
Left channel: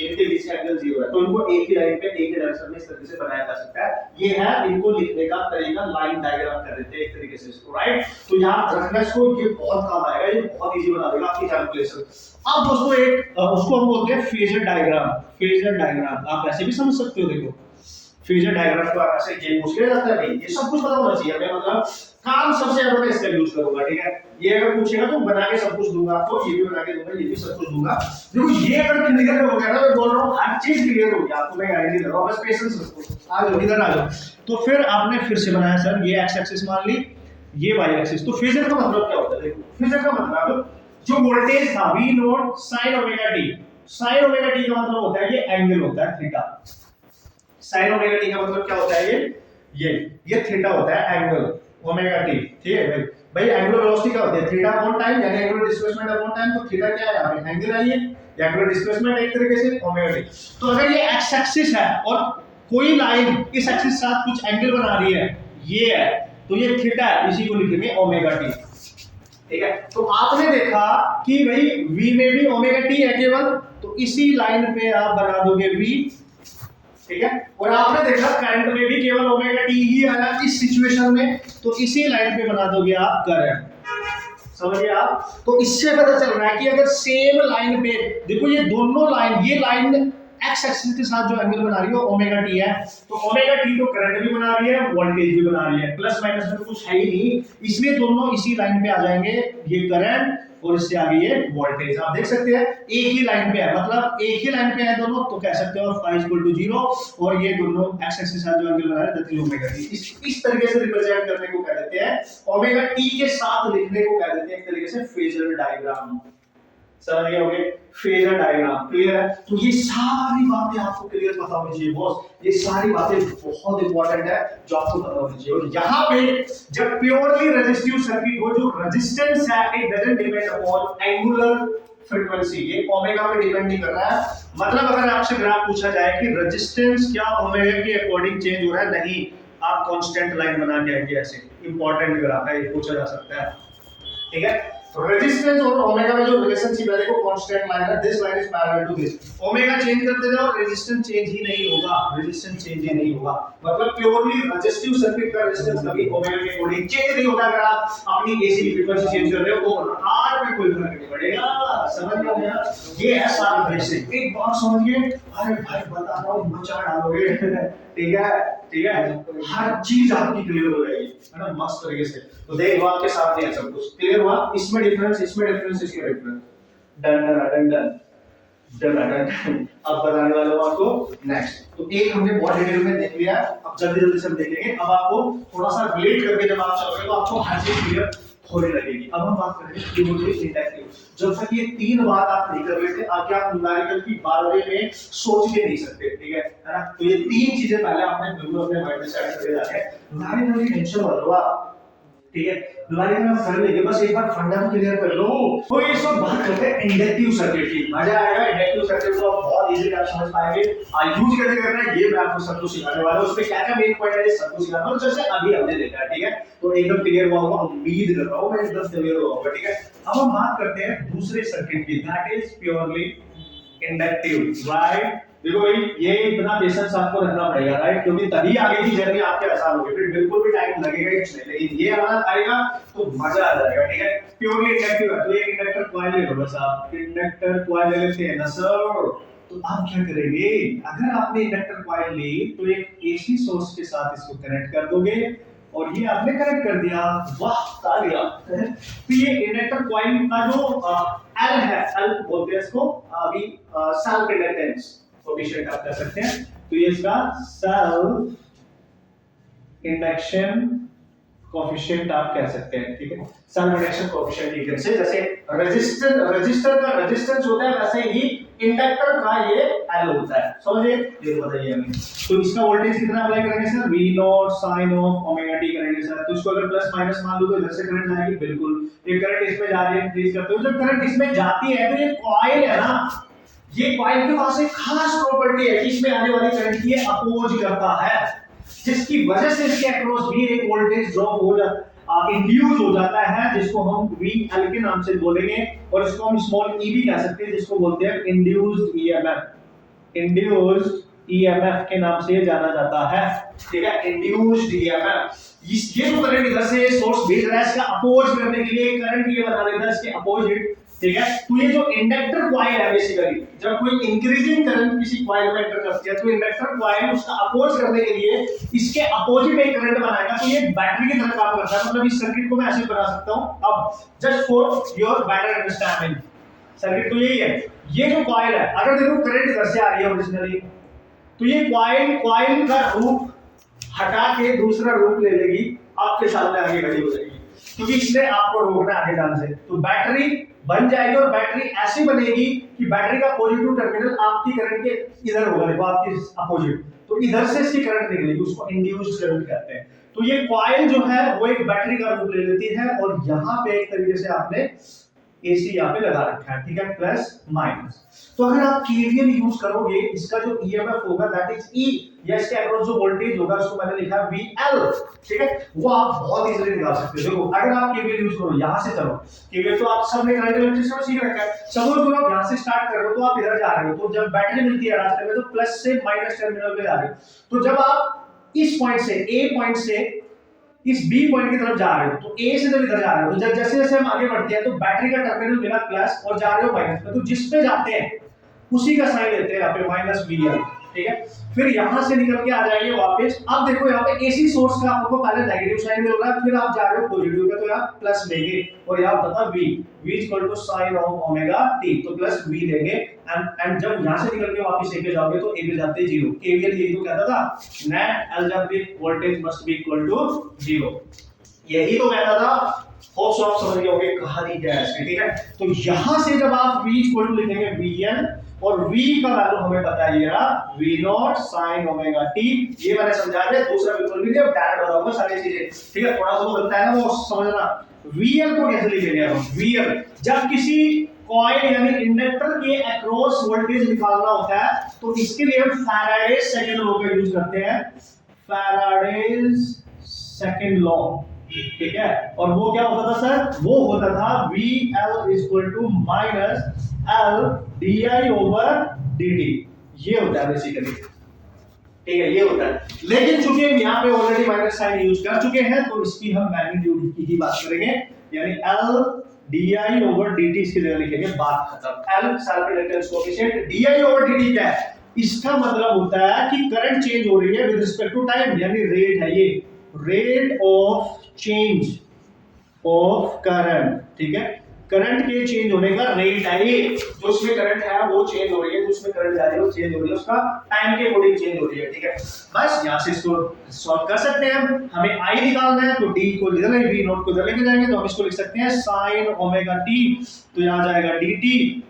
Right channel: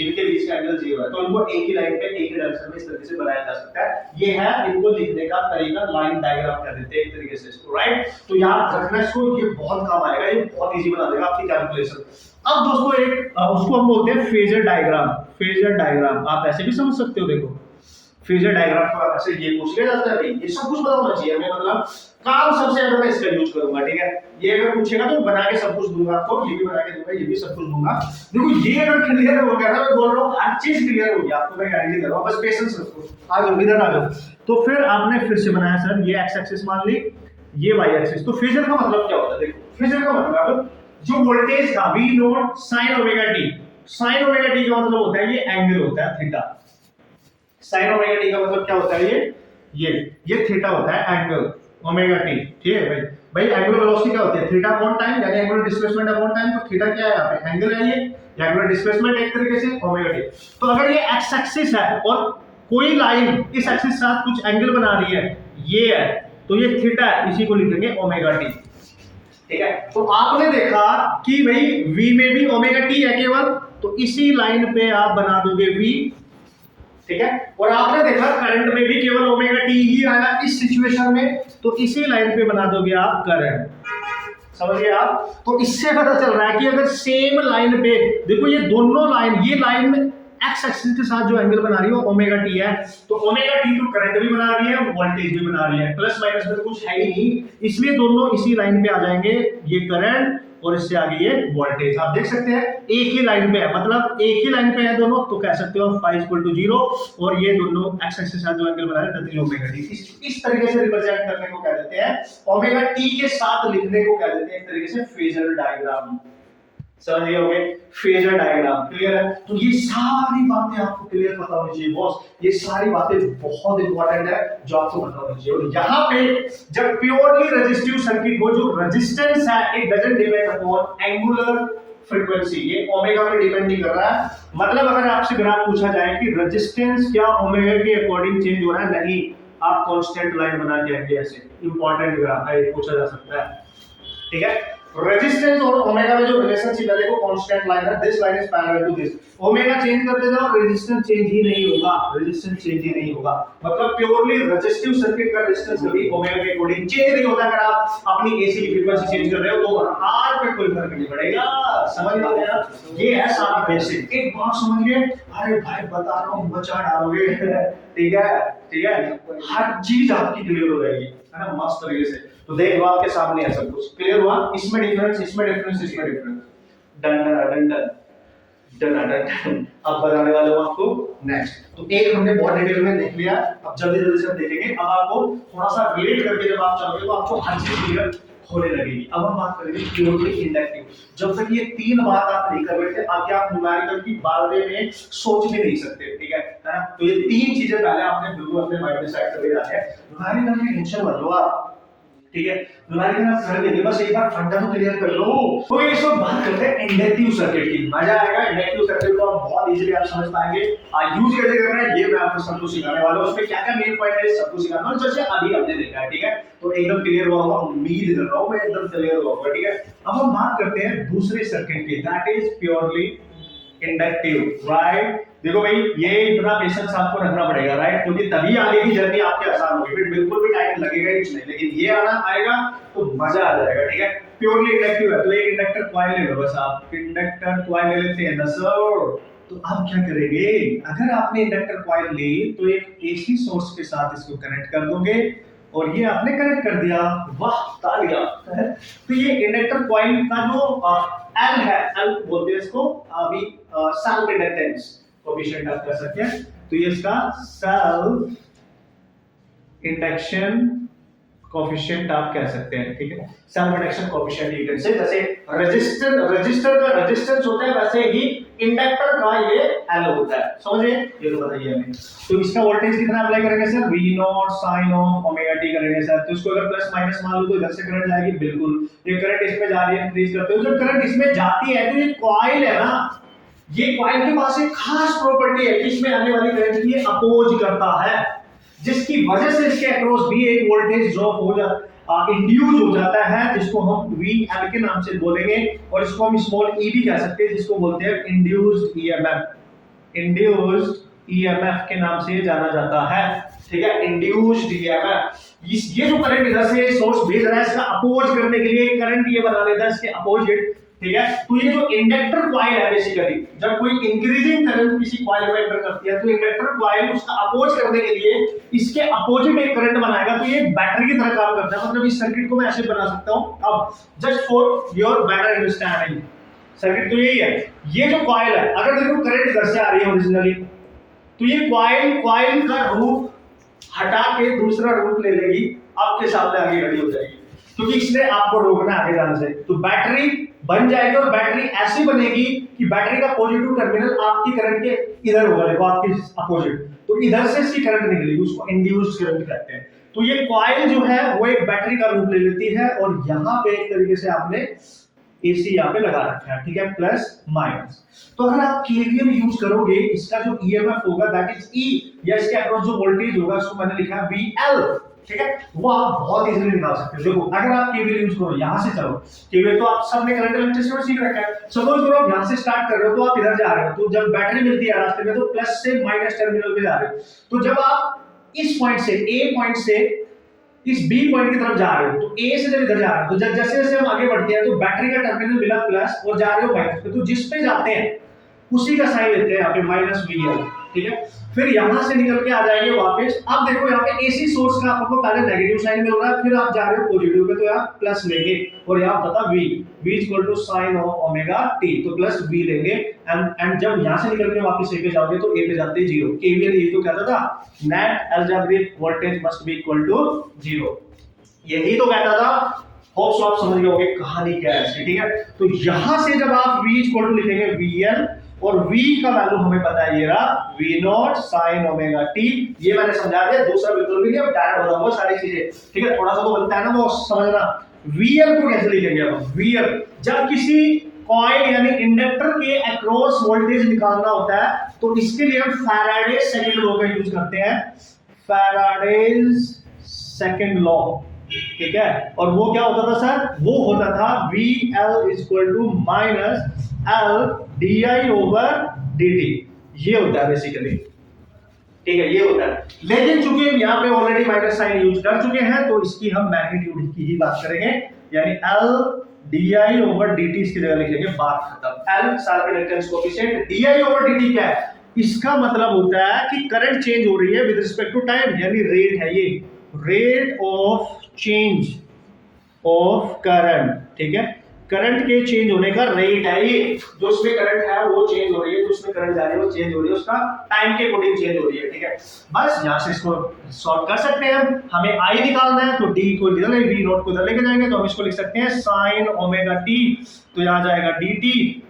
इनके बीच का एंगल जीरो है, तो इनको एक ही लाइन पे एक ही डायरेक्शन में इस तरीके से बनाया जा सकता है। ये है इनको लिखने का तरीका, लाइन डायग्राम कर देते हैं एक तरीके से इसको, राइट। तो याद रखना इसको, ये बहुत काम आएगा, ये बहुत इजी बना देगा आपकी कैलकुलेशन। अब दोस्तों एक उसको हम बोलते हैं फेजर डायग्राम। फेजर डायग्राम आप ऐसे भी समझ सकते हो, देखो फेजर डायग्राम को आप ऐसे ये पूछ लिया जाता है, नहीं ये सब कुछ पता होना चाहिए हमें, मतलब काम सबसे ज्यादा मैं इसका यूज करूंगा, ठीक है। ये अगर पूछेगा तो बना के सब कुछ दूंगा आपको, ये भी बना के दूंगा, ये भी सब कुछ दूंगा। देखो ये अगर क्लियर हो गया ना, मैं बोल रहा हूँ हर चीज क्लियर हो गया आपको, मैं गारंटी दे रहा हूँ, बस पेशेंस रखो। आ जाओ इधर आ जाओ। तो फिर आपने फिर से बनाया सर, ये एक्स एक्सिस मान ली, ये वाई एक्सिस। तो फेजर का मतलब क्या होता है, देखो फेजर का मतलब जो वोल्टेज था V naught sine omega t, sine omega t का मतलब होता है ये एंगल होता है थीटा। साइन ओमेगा टी का मतलब क्या होता है, ये थीटा होता है, एंगल ओमेगा टी, ठीक है भाई एंगुलर वेलोसिटी क्या होती है, थीटा अपॉन टाइम, यानी एंगुलर डिस्प्लेसमेंट अपॉन टाइम। तो थीटा क्या है यहाँ पे, एंगल है, ये एंगुलर डिस्प्लेसमेंट एक तरीके से ओमेगा टी। तो अगर ये एक्स एक्सिस है और कोई लाइन इस एक्सिस के साथ कुछ एंगल बना रही है, ये है, तो ये थीटा है, इसी को लिखेंगे ओमेगा टी, ठीक है। तो आपने देखा कि भाई v में भी ओमेगा टी है केवल, तो इसी लाइन पे आप बना दोगे v, ठीक है। और आपने देखा करंट में भी केवल ओमेगा टी ही आया इस सिचुएशन में, तो इसी लाइन पे बना दोगे आप करंट। समझिए आप। तो इससे पता चल रहा है कि अगर सेम लाइन पे देखो ये दोनों लाइन, ये लाइन एक्स एक्सिस के साथ जो एंगल बना रही है वो ओमेगा टी है, तो ओमेगा टी तो करंट भी बना रही है, वोल्टेज भी बना रही है, प्लस माइनस में तो कुछ है ही नहीं, इसलिए दोनों इसी लाइन पे आ जाएंगे, ये करंट और इससे आगे ये वोल्टेज। आप देख सकते हैं एक ही लाइन पे है, मतलब एक ही लाइन पे है दोनों, तो कह सकते हो phi इक्वल टू 0 और ये दोनों एक्स एक्सिस के साथ जो एंगल बना रहे हैं दैट इज ओमेगा टी। इस तरीके से रिप्रेजेंट करने को कह देते हैं, ओमेगा टी के साथ लिखने को कह देते हैं एक तरीके से फेजर डायग्राम। समझ गए होंगे, फेजर डायग्राम क्लियर है। तो ये सारी बातें आपको क्लियर पता होनी चाहिए बॉस, ये सारी बातें बहुत इंपॉर्टेंट है जो आपको पता होनी चाहिए। और यहाँ पे जब प्योरली रेजिस्टिव सर्किट हो, जो रेजिस्टेंस है it doesn't depend upon angular frequency, ये ओमेगा पे डिपेंड नहीं कर रहा है। मतलब अगर आपसे ग्राफ पूछा जाए कि रेजिस्टेंस क्या ओमेगा के अकॉर्डिंग चेंज हो रहा है, नहीं, आप कांस्टेंट लाइन बना के आएंगे, ऐसे इंपॉर्टेंट ग्राफ है, पूछा जा सकता है, ठीक है। रेजिस्टेंस और ओमेगा में जो रिलेशनशिप है देखो, कांस्टेंट लाइन है, this line is parallel to this, omega change करते जाओ रेजिस्टेंस चेंज ही नहीं होगा, रेजिस्टेंस चेंज ही नहीं होगा। मतलब प्योरली रेजिस्टिव सर्किट का रेजिस्टेंस कभी ओमेगा के अकॉर्डिंग चेंज नहीं होता। अगर आप अपनी एसी की फ्रीक्वेंसी चेंज कर रहे हो तो आर पे कोई फर्क नहीं पड़ेगा। समझ में आ गया, ये है सारा बेसिक। एक बात समझिए, अरे भाई बता रहा हूं मचा डालोगे, ठीक है, ठीक है, हर चीज आपकी क्लियर हो जाएगी, है ना, मस्त तरीके से। तो देख लो आपके सामने है सब कुछ क्लियर हुआ, इसमें डिफरेंस, इसमें डिफरेंस, इसमें difference, done done done done done done. अब बताने वाले हूं आपको नेक्स्ट। तो एक हमने बहुत डिटेल में देख लिया, अब जल्दी जल्दी से हम देखेंगे। अब आपको थोड़ा सा रिलेट करके जब आप चलोगे तो आपको हर चीज क्लियर होने लगेगी। अब हम बात करेंगे प्योरली इंडक्टिव। जब तक ये तीन बात आप नहीं कर रहे थे, आगे आप न्यूमेरिकल की बारे में सोच भी नहीं सकते, ठीक है ना। तो ये तीन चीजें पहले आपने बिल्कुल अपने माइंड में सेट करके रखा है। न्यूमेरिकल की टेंशन मत लो आप, ठीक है, न्यूमेरिकल आप कर लेंगे, बस एक बार फंडा तो क्लियर कर लो। तो ये सब बात करते हैं इंडक्टिव सर्किट की, मजा आएगा। इंडक्टिव सर्किट को आप बहुत इजीली आप समझ पाएंगे, यूज कैसे करना है ये मैं आपको सब कुछ सिखाने वाला हूं। उसमें क्या क्या मेन पॉइंट है सब कुछ सिखाना है, जैसे अभी हमने देखा है, ठीक है। तो एकदम क्लियर हुआ होगा, उम्मीद कर रहा हूं मैं एकदम क्लियर हुआ होगा, ठीक है। अब हम बात करते हैं दूसरे सर्किट की, that is purely inductive, right. देखो भाई ये इतना पेशेंस आपको रखना पड़ेगा, राइट, क्योंकि तभी आगे की जर्नी आपके आसान होगी। फिर बिल्कुल भी टाइम लगेगा ही नहीं, लेकिन ये आना आएगा तो मजा आ जाएगा, ठीक है। प्योरली इंडक्टिव है तो एक इंडक्टर कॉइल ले लो, बस आप इंडक्टर कॉइल ले लेते हैं ना सर। तो आप क्या करेंगे, अगर आपने इंडक्टर कॉइल ली तो एक एसी सोर्स के साथ इसको कनेक्ट कर दोगे, और ये आपने कनेक्ट कर दिया, वाह तालियां। तो ये इंडक्टर कॉइल का जो एल है, एल बोलते हैं इसको, अभी सेल्फ इंडक्टेंस कोएफिशिएंट आप कह सकते हैं। तो ये इसका सेल्फ इंडक्शन कोएफिशिएंट आप कह सकते हैं, ठीक है। सेल्फ इंडक्शन कोएफिशिएंट ये कैसे, जैसे रजिस्टर का रेजिस्टेंस होता है वैसे ही इंडक्टर का ये एल होता है, समझे, ये तो बताइए हमें। तो इसका वोल्टेज कितना अप्लाई करेंगे sir, v naught sin of omega t करेंगे सर। तो इसको अगर प्लस माइनस मान लो तो इधर से करंट जाएगी, बिल्कुल। ये करंट इसमें जा रही है, इंक्रीज करते हो, जब करंट इसमें जाती है तो ये कॉइल है ना, ये कॉइल के पास एक खास प्रॉपर्टी है कि इसमें आने वाली करंट की अपोज करता है, जिसकी वजह से इसके अक्रॉस भी एक वोल्टेज ड्रॉप हो जाता, इंड्यूस हो जाता है, जिसको हम VL के नाम से बोलेंगे, और इसको हम स्मॉल e भी कह सकते हैं, जिसको बोलते हैं इंड्यूस्ड EMF। इंड्यूस्ड EMF के नाम से जाना जाता है, ठीक है, इंड्यूस्ड EMF। ये जो करंट इधर से सोर्स भेज रहा है, इसका अपोज करने के लिए करंट ये बना लेता है इसके अपोजिट, ठीक है। तो ये जो इंडक्टर कॉइल है, बेसिकली जब कोई इंक्रीजिंग करंट किसी कॉइल में एंटर करती है तो इंडक्टर कॉइल उसका अपोज करने के लिए इसके अपोजिट एक करंट बनाएगा, तो ये बैटरी की तरह काम करता है। मतलब इस सर्किट को मैं ऐसे बना सकता हूं। अब just for your better understanding, circuit तो यही है, ये जो कॉइल है, अगर देखो करंट इधर से आ रही है ओरिजिनली, तो ये कॉइल का रूप हटा के दूसरा रूप ले लेगी, आपके सामने आगे खड़ी हो जाएगी, क्योंकि इसने आपको रोकना आगे जाने से। तो बैटरी बन जाएगी, और बैटरी ऐसी बनेगी कि बैटरी का पॉजिटिव टर्मिनल आपकी करंट के इधर होगा, देखो आपकी अपोजिट, तो इधर से इसकी करंट निकलेगी, उसको इंड्यूस्ड करंट कहते हैं। तो ये कॉइल जो है वो एक बैटरी का रूप ले लेती है, और यहाँ पे एक तरीके से आपने AC यहाँ पे लगा रखा है, ठीक है, प्लस माइनस। तो अगर आप KVL यूज करोगे, इसका जो EMF होगा दैट इज E, या इसके अक्रॉस जो वोल्टेज होगा उसको मैंने लिखा है VL, ठीक है, वो आप बहुत इजीली निकाल सकते हो। देखो अगर आप KVL यूज करो, यहां से चलो, KVL तो आप सबने करंट इलेक्ट्रिसिटी में सीख रखा है। सपोज करो आप यहां से स्टार्ट कर रहे हो, तो आप इधर जा रहे हो, तो जब बैटरी मिलती है रास्ते में तो प्लस से माइनस टर्मिनल पे जा रहे हो। तो जब आप इस पॉइंट से A पॉइंट से इस बी पॉइंट की तरफ जा रहे हो, तो ए से जब इधर जा रहे हो, तो जैसे जैसे हम आगे बढ़ते हैं तो बैटरी का टर्मिनल मिला प्लस और जा रहे हो माइनस पे, तो जिस पे जाते हैं उसी का साइन लेते हैं यहाँ पे माइनस वी एल, ठीक है। फिर यहां से निकल के आ जाएंगे वापस। अब देखो यहाँ पे एसी सोर्स का आपको पहले नेगेटिव साइन मिल रहा है, फिर आप जा रहे हो पॉजिटिव पे, तो यहाँ प्लस लेंगे और यहाँ पता v equal to sine of omega t, तो प्लस v लेंगे। एंड जब यहाँ से निकल के वापस ए पे जाओगे तो ए पे जाते ही जीरो। केवीएल यही तो कहता था, net algebraic voltage must be equal to zero, यही तो कहता था। होप्स आप समझ गए होंगे कहानी क्या है इसकी, ठीक है। तो यहां से जब आप v इक्वल टू लिखेंगे vn और v का वैल्यू हमें पता है ये रहा v naught sin omega t, ये मैंने समझा दिया, दूसरा बिल्कुल भी नहीं, अब डायरेक्ट बताऊंगा सारी चीजें, ठीक है। थोड़ा सा वो बनता है ना वो समझना। vl को कैसे लिखेंगे हम, vl जब किसी कॉइल यानी इंडक्टर के अक्रॉस वोल्टेज निकालना होता है तो इसके लिए हम फैराडे सेकंड लॉ का यूज करते हैं, फैराडेज सेकंड लॉ, ठीक है। और वो क्या होता था सर, वो होता था VL equal to minus L DI over DT, ये होता है बेसिकली, ठीक है, ये होता है। लेकिन चूंकि हम यहाँ पे ऑलरेडी माइनस साइन यूज कर चुके हैं तो इसकी हम मैग्नीट्यूड की ही बात करेंगे, यानी L DI ओवर DT इसकी जगह लिखेंगे, बात खत्म। L self inductance coefficient, DI over DT क्या है, इसका मतलब होता है कि करंट चेंज हो रही है विद रिस्पेक्ट टू टाइम, यानी रेट है ये, rate of change of current, ठीक है। करंट के चेंज होने का रेट है ये, जो उसमें करंट है वो चेंज हो रही है, जो उसमें करंट जा रही है वो चेंज हो रही है, उसका टाइम के अकॉर्डिंग चेंज हो रही है, ठीक है। बस यहां से इसको सॉल्व कर सकते हैं हम। हमें आई निकालना है तो d को इधर ले, v नॉट को इधर लेके जाएंगे तो हम इसको लिख सकते हैं sin ओमेगा t, तो यहां जाएगा dt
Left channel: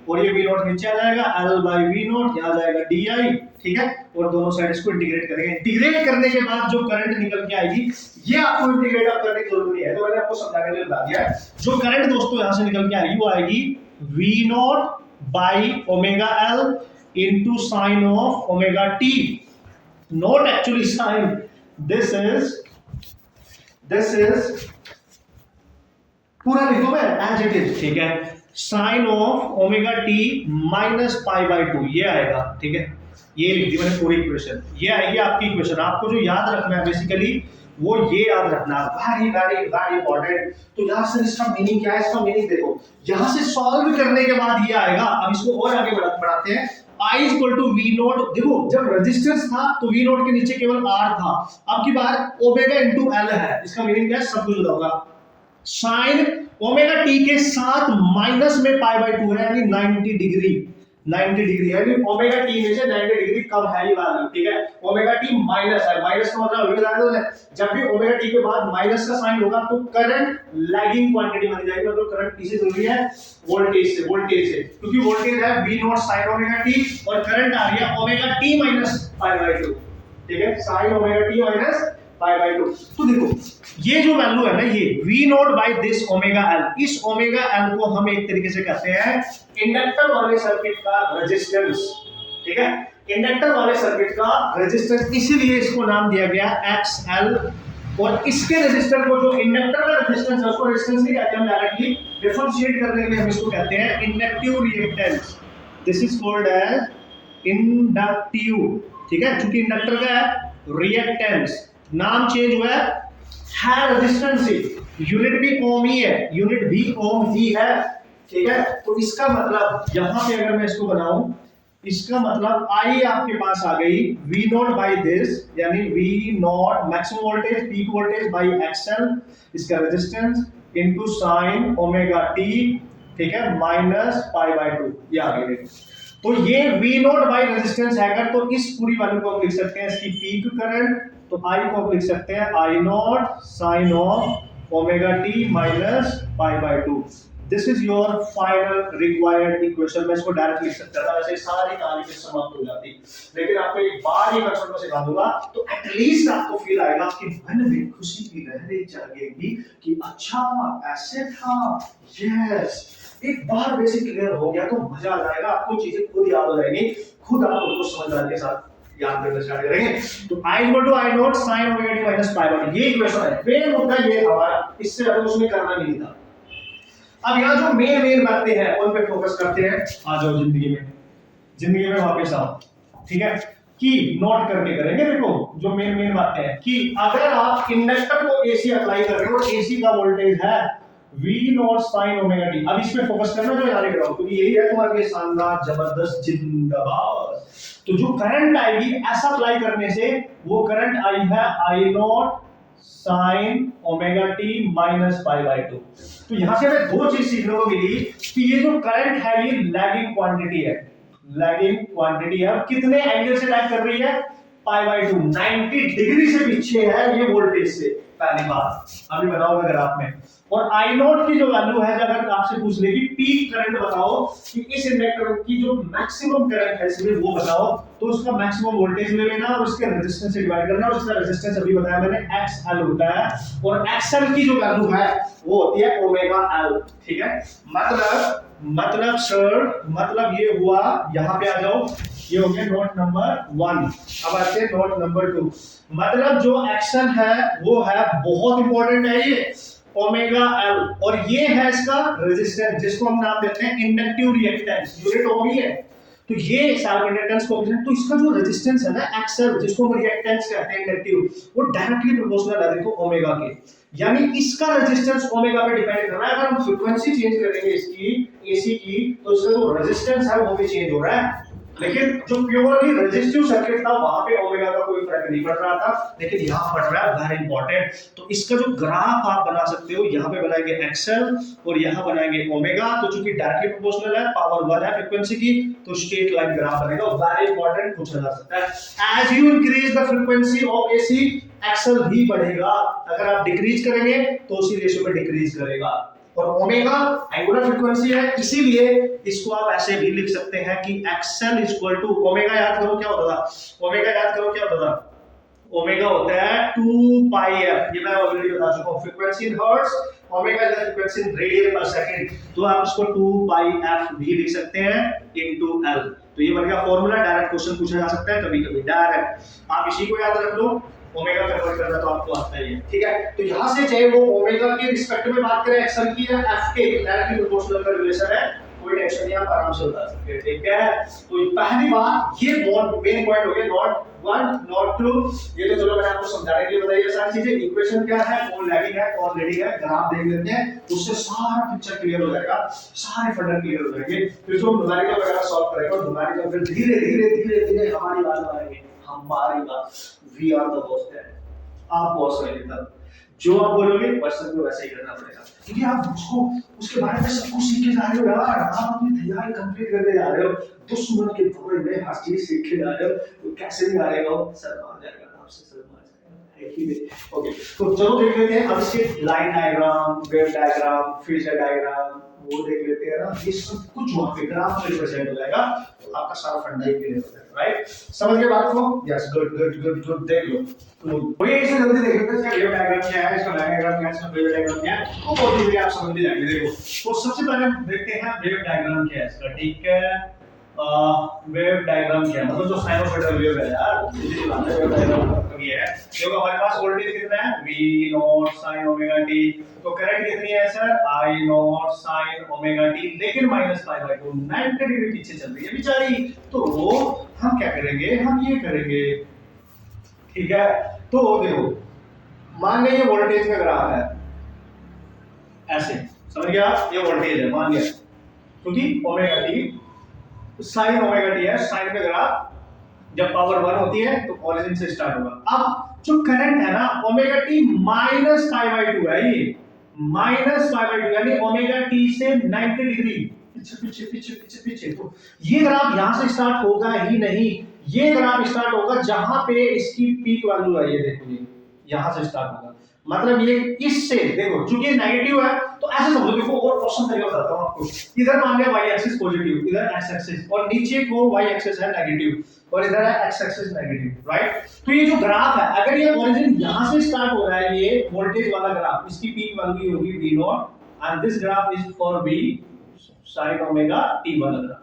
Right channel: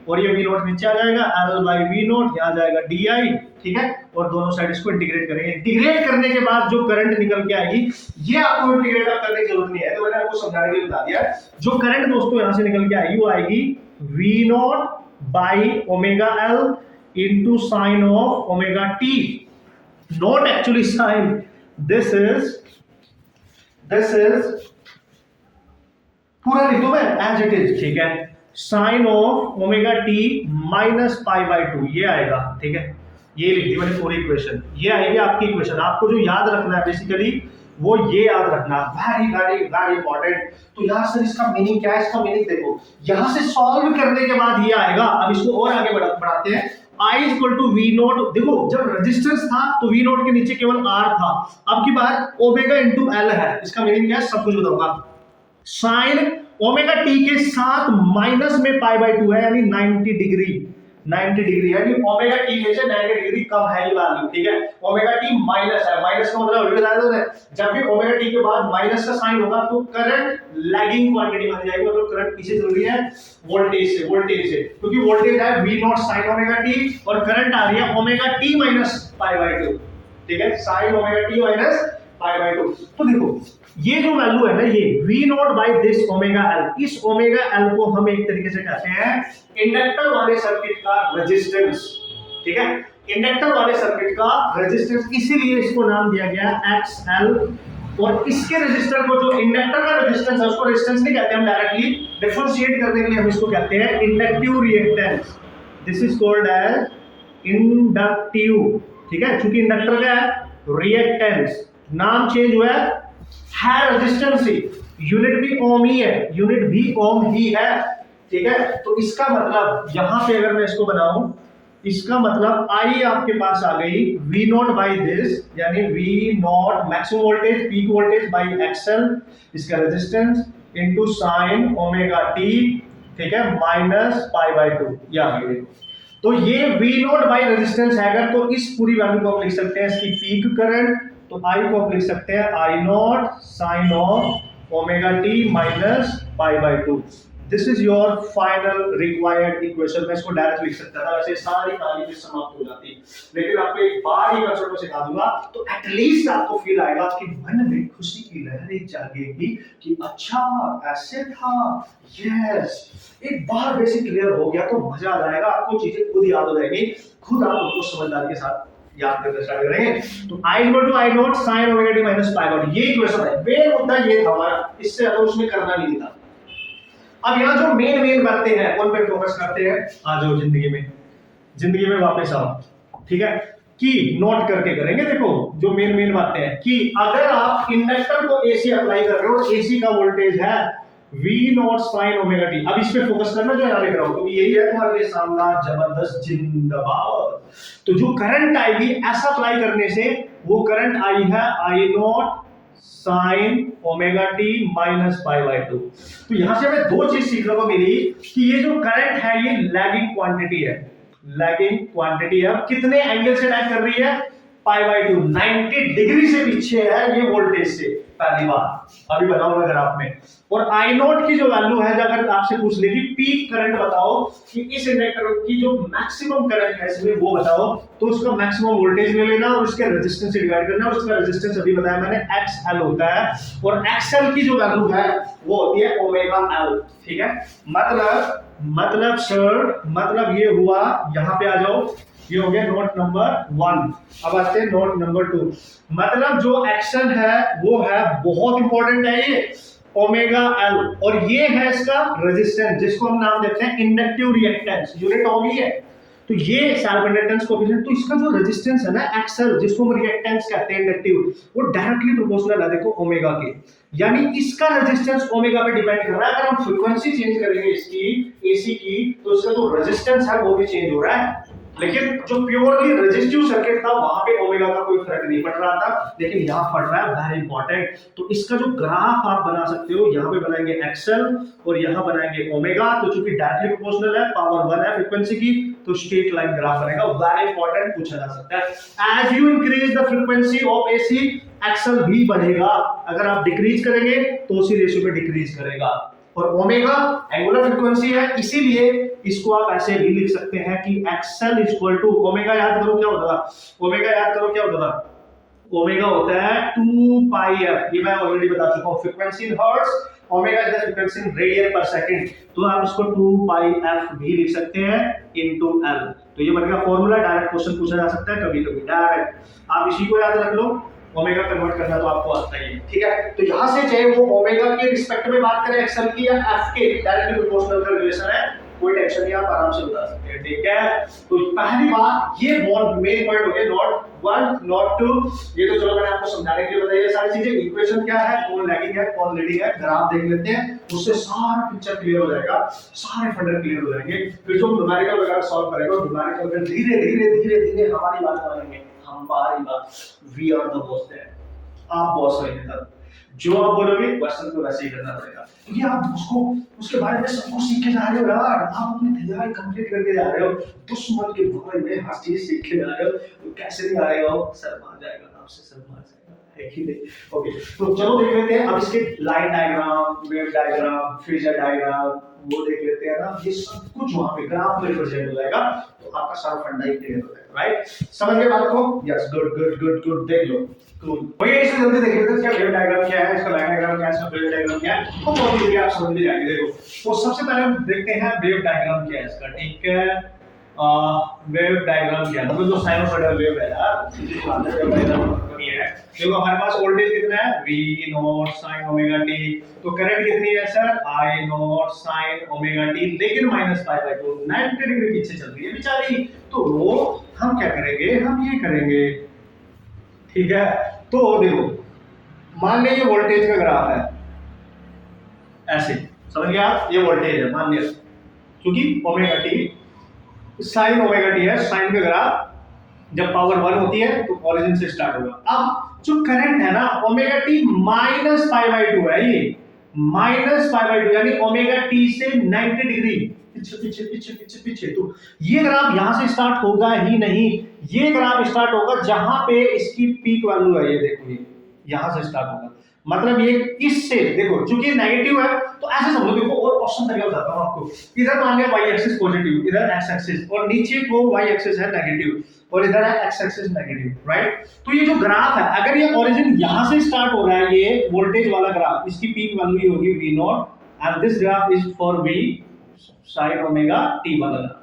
और ये v नॉट नीचे आ जाएगा, l by v नॉट यहां जाएगा di, ठीक है। और दोनों साइड इसको इंटीग्रेट करेंगे। इंटीग्रेट करने के बाद जो करंट निकल के आएगी, ये आपको इंटीग्रेट करने की जरूरत नहीं है, तो मैंने आपको समझाने के लिए बता दिया है। जो करंट दोस्तों यहां से निकल के आएगी वो आएगी v not by omega l into sin of omega t, not actually sin, this is पूरा लिख दो मैं as it is, ठीक है। sin of omega t minus pi by 2 ये आएगा, ठीक है। ये लिख दिया मैंने पूरी इक्वेशन, ये आएगी आपकी इक्वेशन। आपको जो याद रखना है बेसिकली वो ये याद रखना, वेरी वेरी वेरी इंपॉर्टेंट। तो यहां से इसका मीनिंग क्या है, इसका मीनिंग देखो, यहां से सॉल्व करने के बाद ये आएगा। अब इसको और आगे बढ़ाते हैं, I equal to V naught, देखो जब रेजिस्टेंस था तो वी नोट के नीचे केवल R था, अब की बार ओमेगा इंटू L है, इसका मीनिंग क्या है सब कुछ बताऊंगा। साइन ओमेगा टी के साथ माइनस में पाई बाय 2 है, यानी 90 डिग्री, 90 डिग्री, यानी ओमेगा टी में से 90 डिग्री कम है ये वैल्यू, ठीक है। ओमेगा टी माइनस है, माइनस का मतलब ऑलरेडी बता दो, जब भी ओमेगा टी के बाद माइनस का साइन होगा तो करंट लैगिंग क्वांटिटी मानी जाएगी, मतलब करंट पीछे चल रही है वोल्टेज से, क्योंकि वोल्टेज है v naught sin omega T और करंट आ रही है omega T minus pi by 2, ठीक है, sin omega T minus pi by 2। तो देखो ये जो वैल्यू है ना, ये v naught by this omega l, इस ओमेगा l को हम एक तरीके से कहते हैं इंडक्टर वाले सर्किट का रेजिस्टेंस, ठीक है। इंडक्टर वाले सर्किट का रेजिस्टेंस, इसीलिए इसको नाम दिया गया XL। और इसके रेजिस्टर को, जो इंडक्टर का रेजिस्टेंस है उसको रेजिस्टेंस नहीं कहते हम, डायरेक्टली डिफरेंशिएट करने के लिए हम इसको कहते हैं inductive reactance. This is called as inductive, ठीक है। क्योंकि इंडक्टर क्या है, रिएक्टेंस, नाम चेंज हुआ है रेजिस्टेंस ही, यूनिट भी ओम ही है, यूनिट भी ओम ही है, ठीक है। तो इसका मतलब यहां पे अगर मैं इसको बनाऊं, इसका मतलब I आपके पास आ गई V नॉट बाई दिस, यानी V not maximum voltage peak voltage by XL, इसका resistance into sine omega T, ठीक है, माइनस पाई बाय 2, ये आ गई। तो ये V नॉट बाई रेजिस्टेंस है, अगर तो इस पूरी वैल्यू को आप लिख सकते हैं इसकी पीक करंट, तो I को आप लिख सकते हैं I naught sine of omega T minus pi by 2। This is your final required equation. मैं इसको डायरेक्ट लिख सकता था, वैसे सारी कहानी भी समाप्त हो जाती, लेकिन आपको एक बार ये कंसेप्ट को सिखा दूंगा तो एटलीस्ट आपको फील आएगा कि मन में खुशी की लहरें जागेगी कि अच्छा ऐसे था, यस। एक बार बेसिक क्लियर हो गया तो मजा आ जाएगा, आपको चीजें खुद याद हो जाएंगी, खुद आप उनको समझदारी के साथ याद करना स्टार्ट करेंगे। तो I equal to I naught sin omega t minus pi by 2, ये इक्वेशन है। मेन मुद्दा ये हमारा, इससे ज्यादा उसमें करना नहीं था। अब यहाँ जो मेन बातें हैं उन पे फोकस करते हैं। आ जाओ जिंदगी में वापस आओ, ठीक है। कि नोट करके करेंगे। देखो जो मेन बातें हैं कि अगर आप इंडक्टर को एसी अप्लाई कर रहे हो, एसी का वोल्टेज है V not sine omega T. अब इस पे फोकस करना जो याद करो, क्योंकि यही है तुम्हारे लिए शानदार जबरदस्त जिंदाबाद। तो जो करंट आएगी ऐसा अप्लाई करने से, वो करंट आई है I naught sine omega T minus pi by 2। तो यहां से हमें दो चीज सीखने को मिली कि ये जो करंट है ये लैगिंग क्वांटिटी है, लैगिंग क्वांटिटी है। कितने एंगल से लैग कर रही है? पाई बाय 2, 90 डिग्री से पीछे है ये वोल्टेज से। पहली बात अभी बना हुआ ग्राफ में। और आई नॉट की जो वैल्यू है, अगर आपसे पूछ ले कि पीक करंट बताओ कि इस इंडक्टर की जो मैक्सिमम करंट है इसमें वो बताओ, तो उसका मैक्सिमम वोल्टेज ले लेना और उसके रेजिस्टेंस से डिवाइड करना। और उसका रेजिस्टेंस अभी बताया मैंने XL होता है, और XL की जो वैल्यू है वो होती है ओमेगा L। ठीक है, मतलब सर मतलब ये हुआ, यहां पे आ जाओ, ये हो गया नोट नंबर 1। अब आते हैं नोट नंबर 2। मतलब जो एक्शन है वो है बहुत इंपॉर्टेंट है ये ओमेगा एल, और ये है इसका रेजिस्टेंस जिसको हम नाम देते हैं इंडक्टिव रिएक्टेंस। यूनिट ओम ही है, तो ये सेल्फ इंडक्टेंस कोएफिशिएंट। तो इसका जो रेजिस्टेंस है ना एक्सएल, जिसको हम रिएक्टेंस कहते हैं इंडक्टिव, वो डायरेक्टली प्रोपोर्शनल है देखो ओमेगा के। यानी इसका रेजिस्टेंस ओमेगा पे डिपेंड कर रहा है। अगर हम फ्रीक्वेंसी चेंज करेंगे इसकी एसी की, तो इसका जो रेजिस्टेंस है वो भी चेंज हो रहा है। लेकिन जो प्योरली रेजिस्टिव सर्किट था वहां पे ओमेगा का कोई फर्क नहीं पड़ रहा था, लेकिन यहां पड़ रहा है, वेरी इंपॉर्टेंट। तो इसका जो ग्राफ आप बना सकते हो, यहां पे बनाएंगे एक्सएल और यहां बनाएंगे ओमेगा। तो चूंकि डायरेक्टली प्रोपोर्शनल है, पावर 1 है फ्रीक्वेंसी की, तो स्ट्रेट लाइन ग्राफ बनेगा। वेरी इंपॉर्टेंट, पूछा जा सकता है। As you increase the frequency of AC, XL भी बढ़ेगा। अगर आप डिक्रीज करेंगे तो उसी रेशियो पे डिक्रीज करेगा। और ओमेगा एंगुलर फ्रीक्वेंसी है, इसीलिए इसको आप ऐसे भी लिख सकते हैं कि एक्सएल इक्वल टू ओमेगा। याद करो क्या होता था, ओमेगा याद करो क्या होता था, ओमेगा होता है 2 पाई एफ। ये मैं ऑलरेडी बता चुका हूं, frequency in hertz, omega is the frequency in radian पर सेकंड। तो आप इसको 2 पाई एफ भी लिख सकते हैं इनटू एल। तो ये बन गया फॉर्मूला। डायरेक्ट क्वेश्चन पूछा जा सकता है कभी कभी डायरेक्ट, आप इसी को याद रख लो। ओमेगा कन्वर्ट करना तो आपको आता ही है, ठीक है। तो यहां से चाहे वो ओमेगा के रिस्पेक्ट में बात करें एक्सएल की या एफ के, डायरेक्टली प्रोपोर्शनल का रिलेशन है, कोई टेंशन नहीं, आप आराम से बता सकते हैं, ठीक है। तो पहली बात ये बहुत मेन पॉइंट हो गया, नॉट 1 नॉट 2। ये तो चलो मैंने आपको समझाने के लिए बताई है सारी चीजें। इक्वेशन क्या है, कौन लैगिंग है कौन लीडिंग है, ग्राफ देख लेते हैं, उससे सारा पिक्चर क्लियर हो जाएगा, सारे फंडा क्लियर हो जाएंगे। फिर जो न्यूमेरिकल वगैरह सॉल्व करेगा, न्यूमेरिकल फिर धीरे धीरे हमारी बात मानेंगे, हमारी बात। वी आर द बॉस है, आप बॉस है तब जो आप बोलोगे क्वेश्चन को वैसे ही करना पड़ेगा, क्योंकि आप उसको उसके बारे में सब कुछ सीख के जा रहे हो यार। आप अपनी तैयारी कंप्लीट करके जा रहे हो, दुश्मन के बारे में हर चीज सीख के जा रहे हो, तो कैसे नहीं आ रहे हो, सर मार जाएगा आपसे, सर मार जाएगा, है कि नहीं। ओके, तो चलो देख लेते हैं अब इसके line diagram, wave diagram, phasor diagram, वो देख लेते हैं ना। ये सब कुछ वहां पे ग्राफ में रिप्रेजेंट हो जाएगा, तो आपका सारा फंडा ही क्लियर हो जाएगा, राइट। समझ गए बात को? Yes, good good good good, देख लो। तो ये इसे जल्दी देख लेते हैं, इसका वेव डायग्राम क्या है, इसका लाइन डायग्राम क्या है, इसका फेजर डायग्राम क्या है, तो बहुत इजीली आप समझ भी जाएंगे। देखो, तो सबसे पहले हम देखते हैं वेव डायग्राम क्या है इसका, ठीक है। वेव डायग्राम क्या है, मतलब जो साइनोसॉइडल वेव है यार, सीधी बात है, वेव डायग्राम मतलब ये है। देखो हमारे पास वोल्टेज कितना है, V naught sin omega t, तो करंट कितनी है sir, I naught sin omega t, लेकिन माइनस पाई बाय 2, 90 डिग्री पीछे चल रही है बेचारी। तो वो हम क्या करेंगे, हम ये करेंगे, ठीक है। तो देखो मान लिया ये वोल्टेज का ग्राफ है, ऐसे समझ गया आप, ये वोल्टेज है मान लिया, क्योंकि omega t sine omega T है, साइन का ग्राफ जब पावर 1 होती है तो ओरिजिन से स्टार्ट होगा। अब जो करंट है ना omega T minus pi by 2 है, ये माइनस पाई बाय 2 यानी ओमेगा टी से 90 डिग्री पीछे पीछे पीछे पीछे पीछे। तो ये ग्राफ यहां से स्टार्ट होगा ही नहीं, ये ग्राफ स्टार्ट होगा जहां पे इसकी पीक वैल्यू है, ये देखो ये यहां से स्टार्ट होगा। मतलब ये इससे देखो, चूंकि नेगेटिव है तो ऐसे समझो, देखो और ऑप्शन तरीका बताता हूं आपको। इधर मान लिया y एक्सिस पॉजिटिव, इधर x एक्सिस, और नीचे को y एक्सिस है नेगेटिव, और इधर है x एक्सिस नेगेटिव, राइट। तो ये जो ग्राफ है, अगर ये ओरिजिन यहां से स्टार्ट हो रहा है, ये वोल्टेज वाला ग्राफ, इसकी पीक वैल्यू होगी v not, and this graph is for v sin omega t वाला।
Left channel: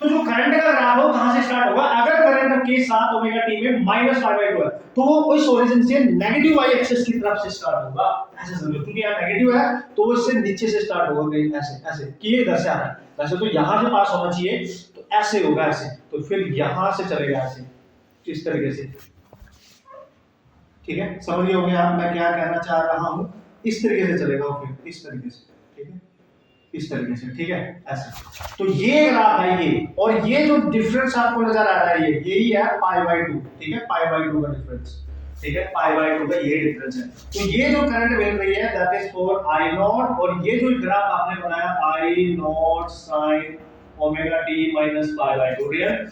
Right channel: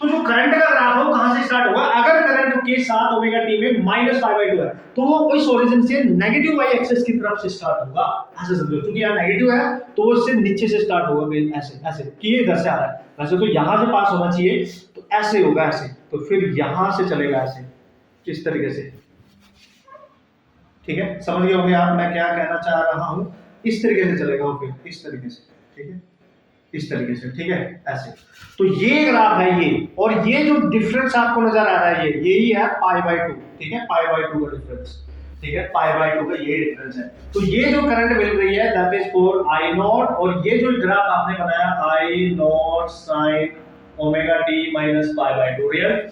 तो जो करंट का ग्राफ हो कहां से स्टार्ट होगा, अगर करंट के साथ ओमेगा टी में माइनस पाई बाय 2 है, तो वो इस ओरिजिन से नेगेटिव वाई एक्सिस की तरफ से स्टार्ट होगा, ऐसे समझो। क्योंकि यहाँ नेगेटिव है तो वो इससे नीचे से स्टार्ट होगा, ऐसे ऐसे कि ये इधर से आ रहा है, वैसे तो यहां से पास होना चाहिए, तो ऐसे होगा ऐसे, तो फिर यहां से चलेगा ऐसे, इस तरीके से, ठीक है, समझ गए होंगे आप मैं क्या कहना चाह रहा हूं। इस तरीके से चलेगा फिर इस तरीके से, ठीक है, इस तरीके से, ठीक है, ऐसे। तो ये ग्राफ है ये, और ये जो डिफरेंस आपको नजर आ रहा है ये यही है पाई बाय 2, ठीक है, पाई बाय 2 का डिफरेंस, ठीक है, पाई बाय 2 का ये डिफरेंस है। तो ये जो करंट मिल रही है that is for I naught, और ये जो ग्राफ आपने बनाया I naught sine omega T minus pi by 2 real,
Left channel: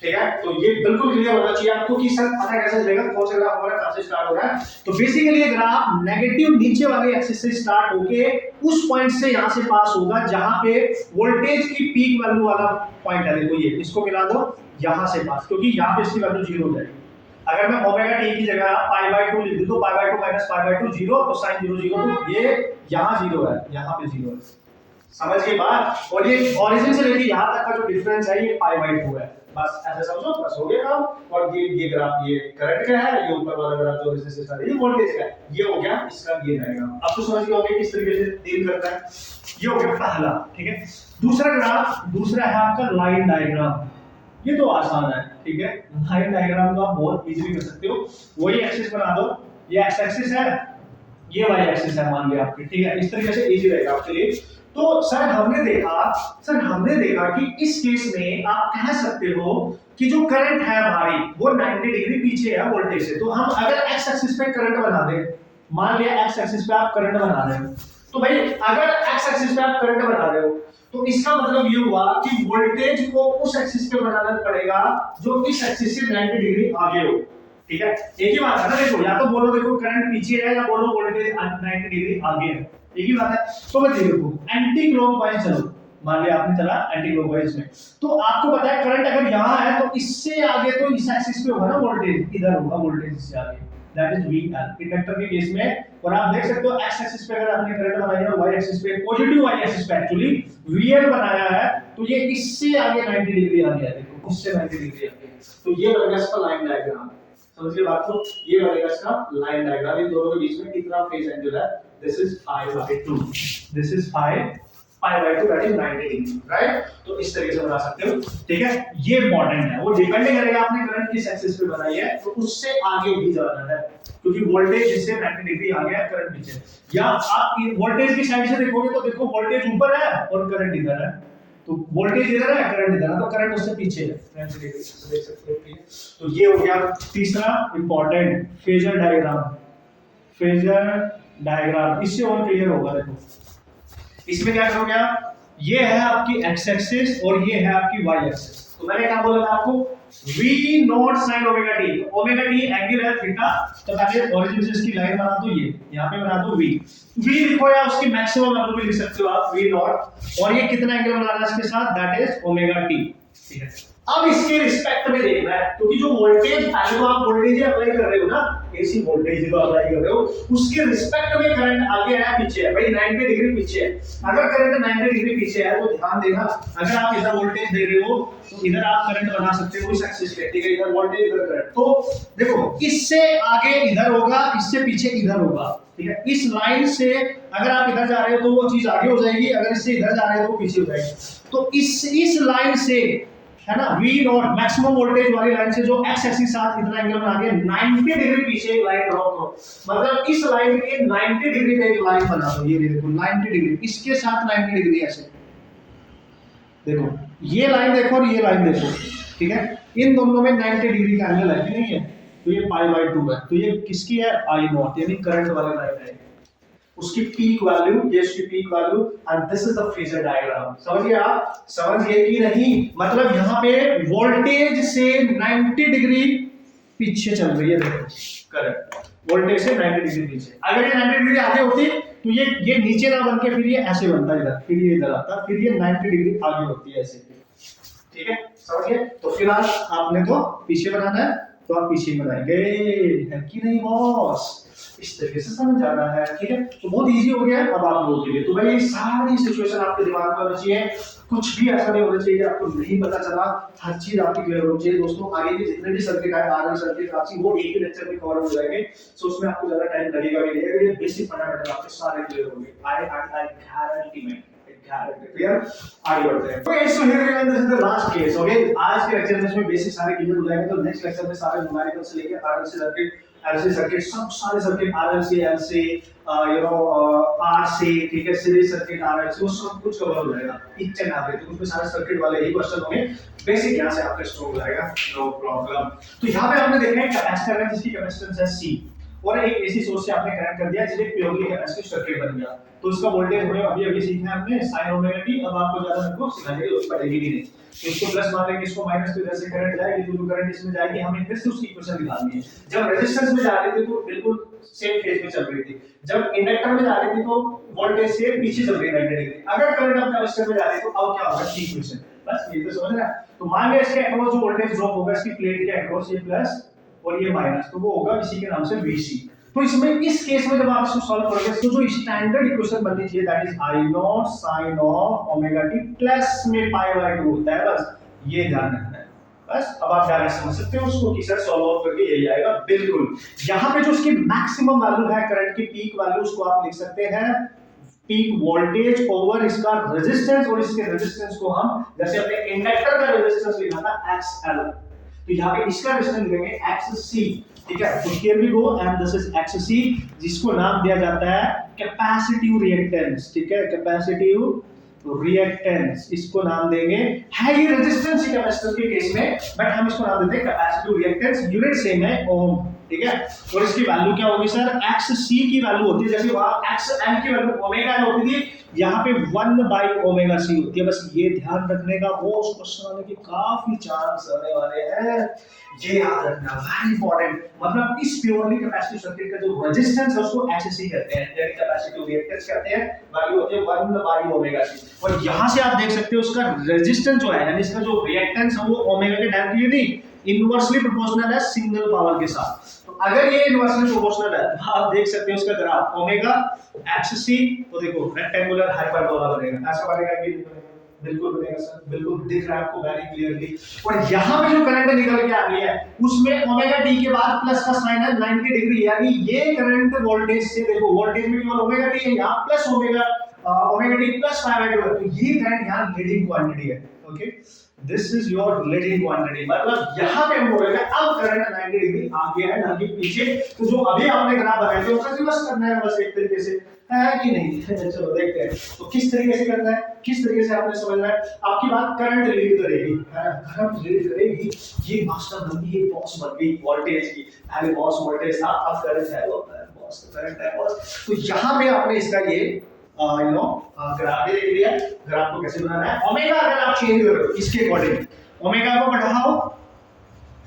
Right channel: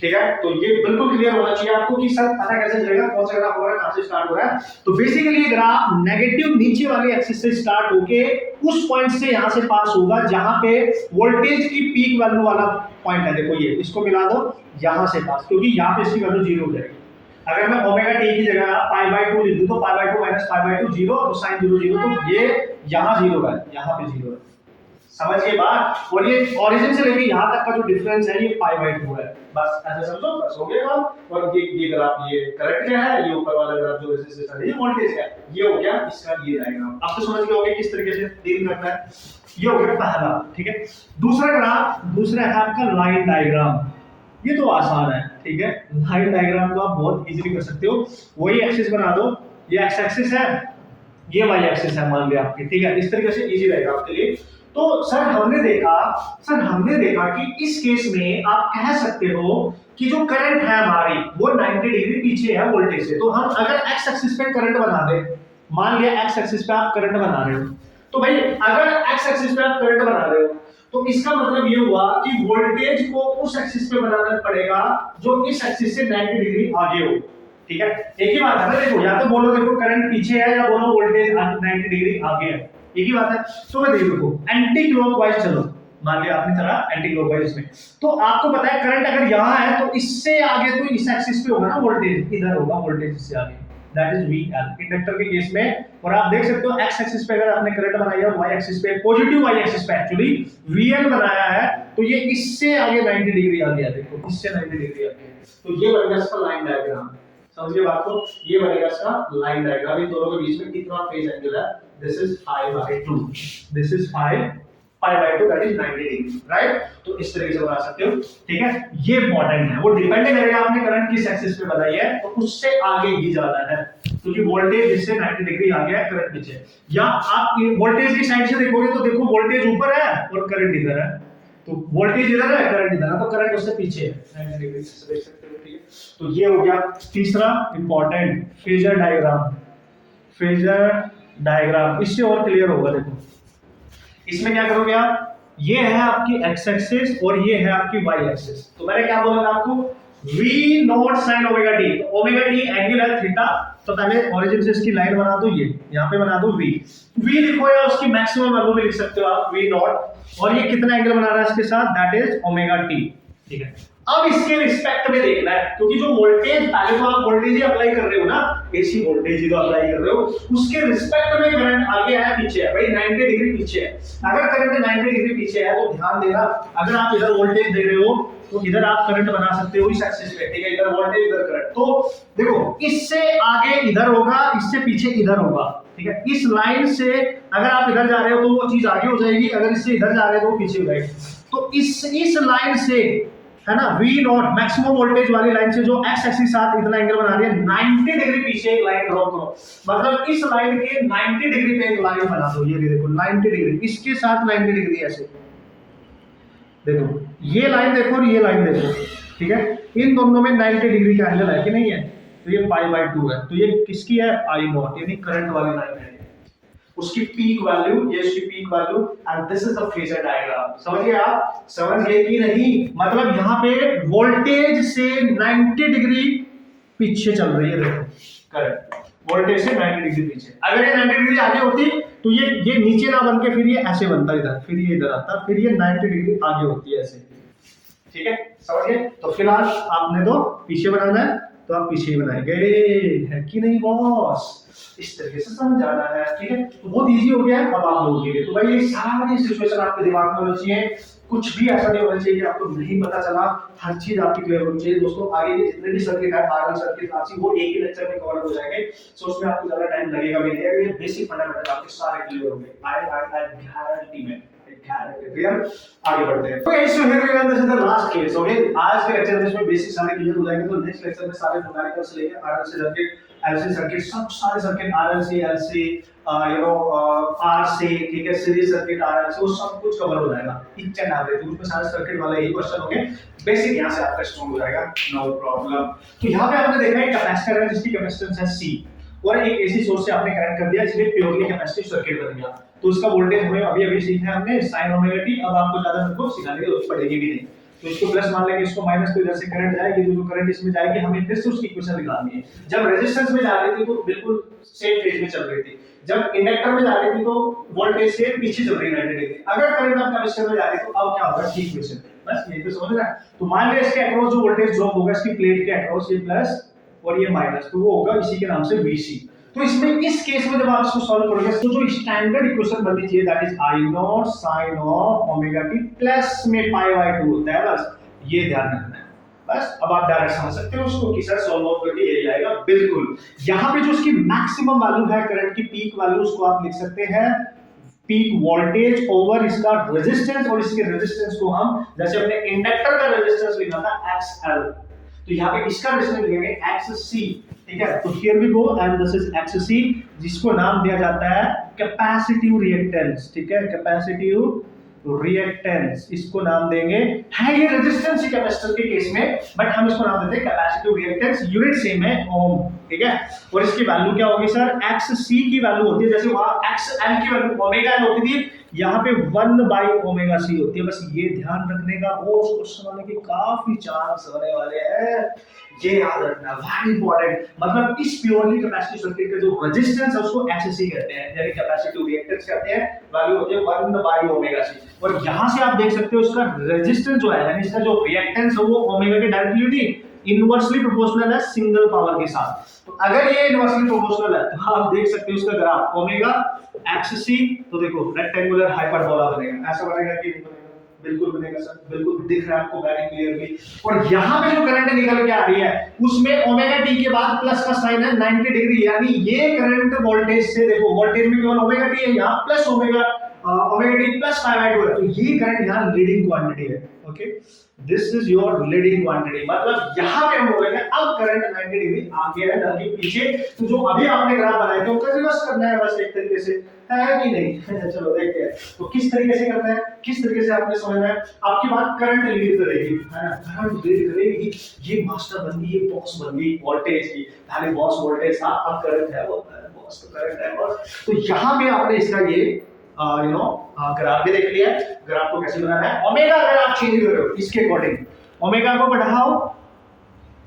ठीक है। तो ये बिल्कुल क्लियर होना चाहिए आपको कि सर पता कैसे चलेगा कौन सा ग्राफ हो रहा है, कहां से स्टार्ट हो रहा है। तो बेसिकली ये ग्राफ नेगेटिव नीचे वाली एक्सिस से स्टार्ट होके उस पॉइंट से यहां से पास होगा जहां पे वोल्टेज की पीक वैल्यू वाला पॉइंट है। देखो ये इसको मिला दो यहां से पास, क्योंकि यहां पे इसकी वैल्यू 0 हो जाएगी। अगर मैं ओमेगा टी की जगह पाई बाय 2 लिख दूं तो पाई बाय 2 माइनस पाई बाय 2 0, तो sin 0 0, तो ये यहां 0 है, यहां पे 0 है, समझ गए बात। और ये ओरिजिन से लेके यहां तक का जो डिफरेंस है ये पाई बाय 2 है, बस ऐसे समझो, बस हो गया काम। और ये ग्राफ ये करंट का है, ये ऊपर वाला ग्राफ जो रेजिस्टेंस है ये वोल्टेज का है, ये हो गया इसका ये डायग्राम। अब तो समझ गए होंगे किस तरीके से डील करना है। ये हो गया पहला, ठीक है। दूसरा ग्राफ, दूसरा है आपका लाइन डायग्राम। ये तो आसान है, ठीक है, लाइन डायग्राम को आप बहुत इजीली कर सकते हो। वही एक्सिस बना दो, ये एक्स एक्सिस है, ये वाई एक्सिस है मान लिया आपके, ठीक है, इस तरीके से इजी रहेगा आपके लिए। तो सर हमने देखा कि इस केस में आप कह सकते हो कि जो करंट है हमारी वो 90 डिग्री पीछे है वोल्टेज से। तो हम अगर एक्स एक्सिस पे करंट बना दे, मान लिया एक्स एक्सिस पे आप करंट बना रहे हो, तो भाई अगर एक्स एक्सिस पे आप करंट बना रहे हो तो इसका मतलब ये हुआ कि वोल्टेज को उस एक्सिस पे बनाना पड़ेगा जो इस एक्सिस से 90 डिग्री आगे हो, ठीक है। एक ही बात है ना, देखो या तो बोलो देखो करंट पीछे है या बोलो वोल्टेज 90 डिग्री आगे है, एक ही बात है। तो मैं देखो एंटी क्लॉकवाइज चलो, मान लिया आपने चला एंटी क्लॉकवाइज में, तो आपको पता है करंट अगर यहां है तो इससे आगे तो इस एक्सिस पे होगा ना वोल्टेज, इधर होगा वोल्टेज इससे आगे, दैट इज VL इंडक्टर के केस में। और आप देख सकते हो एक्स एक्सिस पे अगर आपने करंट बनाया है, वाई एक्सिस पे पॉजिटिव वाई एक्सिस पे एक्चुअली VL बनाया है, तो ये इससे आगे 90 डिग्री आगे है, देखो इससे 90 डिग्री आगे है। तो ये बनेगा इसका लाइन डायग्राम, समझिए बात को, ये बनेगा इसका लाइन डायग्राम। इन दोनों के बीच में कितना फेज एंगल है, this is 5/2, this is 5/2 that is 90 degree, right. तो इस तरीके से बना सकते हो, ठीक है। ये इंपॉर्टेंट है, वो डिपेंड करेगा आपने करंट किस एक्सिस पे बनाई है, तो उससे आगे ही जाना है, क्योंकि वोल्टेज इससे 90 डिग्री आगे है, करंट नीचे। या आप वोल्टेज की साइड से देखोगे तो देखो वोल्टेज ऊपर है और करंट इधर है, तो वोल्टेज इधर है करंट इधर है, तो करंट उससे पीछे है 90 डिग्री से, देख सकते हो, ठीक है। तो ये हो गया तीसरा important phasor diagram, phasor diagram. इससे और क्लियर होगा, देखो इसमें क्या करोगे आप, ये है आपकी x एक्सिस और ये है आपकी y एक्सिस। तो मैंने क्या बोला था आपको, v naught sin omega t, तो ओमेगा t एंगल है थीटा, तो पहले ओरिजिन से इसकी लाइन बना दो, ये यहां पे बना दो v लिखो, या उसकी मैक्सिमम वैल्यू भी लिख सकते हो आप v नॉट, और ये कितना एंगल बना रहा है इसके साथ, दैट इज ओमेगा t, ठीक है। अब इसके रिस्पेक्ट में देखना है, क्योंकि जो वोल्टेज पहले तो आप वोल्टेज ही अप्लाई कर रहे हो ना, एसी वोल्टेज ही तो अप्लाई कर रहे हो, उसके रिस्पेक्ट में करंट आगे है पीछे है, भाई 90 डिग्री पीछे है। अगर करंट 90 डिग्री पीछे है तो ध्यान देना, अगर आप इधर वोल्टेज दे रहे हो तो इधर आप करंट बना सकते हो इस एक्सिस पे, ठीक है, इधर वोल्टेज इधर करंट। तो देखो इससे आगे इधर होगा, इससे पीछे इधर होगा, ठीक है। इस लाइन से अगर आप इधर जा रहे हो तो वो चीज आगे हो जाएगी, अगर इससे इधर जा रहे हो तो पीछे हो जाएगी। तो इस लाइन से है ना, V नॉट मैक्सिमम वोल्टेज वाली लाइन से जो x एक्सिस साथ इतना एंगल बना दिया, 90 डिग्री पीछे एक लाइन ड्रॉ करो, मतलब इस लाइन के 90 डिग्री पे एक लाइन बना दो, ये देखो 90 डिग्री, इसके साथ 90 डिग्री ऐसे, देखो ये लाइन देखो और ये लाइन देखो, ठीक है, इन दोनों में 90 डिग्री का एंगल है कि नहीं है, तो ये π/2 है, तो ये किसकी है, I नॉट, यानी करंट वाली लाइन है, उसकी पीक वैल्यू, ये उसकी peak value, and this is the phasor diagram. समझिए आप, समझ गए कि नहीं, मतलब यहाँ पे वोल्टेज से 90 डिग्री पीछे चल रही है, देखो करंट वोल्टेज से 90 डिग्री पीछे। अगर ये 90 डिग्री आगे होती तो ये नीचे ना बन के फिर ये ऐसे बनता इधर, फिर ये इधर आता, फिर ये 90 डिग्री आगे होती है ऐसे, ठीक है, समझिए। तो फिलहाल आपने तो पीछे बनाना है तो आप पीछे ही बनाएंगे, है कि नहीं बॉस, इस तरीके से समझ जाना है, ठीक है। तो बहुत इजी हो गया अब आप लोगों के लिए। तो भाई ये सारी सिचुएशन आपके दिमाग में होनी चाहिए, कुछ भी ऐसा नहीं होना चाहिए कि आपको नहीं पता चला, हर चीज आपकी क्लियर होनी चाहिए। दोस्तों आगे के जितने भी सर्किट है, आरएल सर्किट आपसी, वो एक ही लेक्चर में कवर हो जाएंगे, सो उसमें आपको ज्यादा टाइम लगेगा भी नहीं, अगर ये बेसिक फंडामेंटल आपके सारे क्लियर होंगे, आई गारंटी में क्लियर, आगे बढ़ते हैं। Okay so here we are, this is the last case. Okay आज के लेक्चर में इसमें बेसिक सारे क्लियर हो जाएंगे, तो नेक्स्ट लेक्चर में सारे न्यूमेरिकल से लेके आरएलसी सर्किट, एलसी सर्किट, सब सारे सर्किट आरएलसी एलसी आर से, ठीक है, सीरीज सर्किट आरएलसी, वो सब कुछ कवर हो जाएगा ईच एंड एवरी। तो उसमें सारे सर्किट वाले ही क्वेश्चन होंगे, बेसिक यहां से आपका स्ट्रांग हो जाएगा, नो प्रॉब्लम। तो यहां पे हमने देखा है कैपेसिटर है जिसकी कैपेसिटेंस है C, और एक एसी सोर्स से आपने कनेक्ट कर दिया इसलिए प्योरली कैपेसिटिव सर्किट बन गया। तो इसका वोल्टेज हमें अभी सीखा है हमने sin ओमेगा t, अब आपको ज्यादा मेरे को सिखाने की जरूरत पड़ेगी भी नहीं। तो इसको प्लस मान लेंगे, इसको माइनस, तो इधर से करंट जाएगी, जो करंट इसमें जाएगी हमें फिर से उसकी इक्वेशन निकालनी है। जब रेजिस्टेंस में जा रही थी तो बिल्कुल सेम फेज में चल रही थी, जब इंडक्टर में जा रही थी तो वोल्टेज से पीछे चल रही है 90 डिग्री। अगर करंट अब कैपेसिटर में जा रही है तो अब क्या होगा, ठीक इक्वेशन, बस ये तो समझ रहा है। तो मान लिया इसके अक्रॉस जो वोल्टेज ड्रॉप होगा इसकी प्लेट के अक्रॉस, ये प्लस और ये माइनस, तो वो होगा इसी के नाम से VC। तो इसमें इस केस में जब आप इसको सॉल्व करोगे तो जो स्टैंडर्ड इक्वेशन बननी चाहिए that is I naught sin of omega t plus में पाई बाय 2 होता है, बस ये ध्यान रखना है। बस अब आप डायरेक्ट समझ सकते हो उसको कि सर सॉल्व आउट करके यही आएगा, बिल्कुल। यहां पे जो उसकी मैक्सिमम वैल्यू है करंट की, पीक वैल्यू, उसको आप लिख सकते हैं पीक वोल्टेज ओवर इसका रेजिस्टेंस, और इसके रेजिस्टेंस को हम जैसे अपने इंडक्टर का रेजिस्टेंस लिखा था XL, तो यहाँ पे इसका रेजिस्टेंस लिखेंगे XC, ठीक है। तो here we go and this is XC, जिसको नाम दिया जाता है कैपेसिटिव रिएक्टेंस, ठीक है, कैपेसिटिव रिएक्टेंस इसको नाम देंगे। है ये रेजिस्टेंस ही कैपेसिटर के केस में, बट हम इसको नाम देते हैं कैपेसिटिव रिएक्टेंस, यूनिट सेम है ओम, ठीक है। और इसकी वैल्यू क्या होगी सर, XC की वैल्यू होती है, जैसे वहां XL की वैल्यू ओमेगा L होती थी, यहाँ पे 1 बाई ओमेगा C होती है। बस ये ध्यान रखने का, वो उस क्वेश्चन आने के काफी चांस आने वाले हैं, ये याद रखना, वेरी इंपॉर्टेंट। मतलब इस प्योरली कैपेसिटिव सर्किट का जो रेजिस्टेंस है उसको XC कहते हैं, यानी कैपेसिटिव रिएक्टेंस कहते हैं, वैल्यू होती है 1 बाई ओमेगा C। और यहां से आप देख सकते हो उसका रेजिस्टेंस जो है, यानी इसका जो रिएक्टेंस है वो ओमेगा के डायरेक्टली नहीं, इनवर्सली प्रोपोर्शनल है सिंगल पावर के साथ। तो अगर ये इनवर्सली प्रोपोर्शनल है तो आप देख सकते हो उसका ग्राफ ओमेगा XC, तो देखो रेक्टेंगुलर हाइपरबोला बनेगा, ऐसा बनेगा कि बिल्कुल बनेगा सर, बिल्कुल दिख रहा है आपको वेरी क्लियरली। और यहां पे जो करंट निकल के आ रही है उसमें ओमेगा t के बाद प्लस का साइन है 90 डिग्री, यानी ये करंट वोल्टेज से, देखो वोल्टेज में केवल ओमेगा t है, यहां plus omega t plus pi by 2 है, तो ये करंट यहां लीडिंग क्वांटिटी है। Okay, this is your leading quantity, मतलब यहां पे हम बोल रहे हैं अब करंट 90 डिग्री आगे है ना कि पीछे। तो जो अभी आपने ग्राफ बनाया था उसका रिवर्स करना है बस एक तरीके से, है कि नहीं? चलो देखते हैं तो किस तरीके से करना है, किस तरीके से आपने समझना है। आपकी बात करंट लीड करेगी, है ना, करंट लीड करेगी, ये मास्टर बन गई, ये बॉस बन गई वोल्टेज की, पहले बॉस वोल्टेज था, अब करंट है, वो बॉस का करंट है बॉस। तो यहां पे आपने इसका ये ग्राफ भी देख लिया। ग्राफ को कैसे बनाना है, ओमेगा अगर आप चेंज कर रहे हो इसके अकॉर्डिंग, ओमेगा को बढ़ाओ,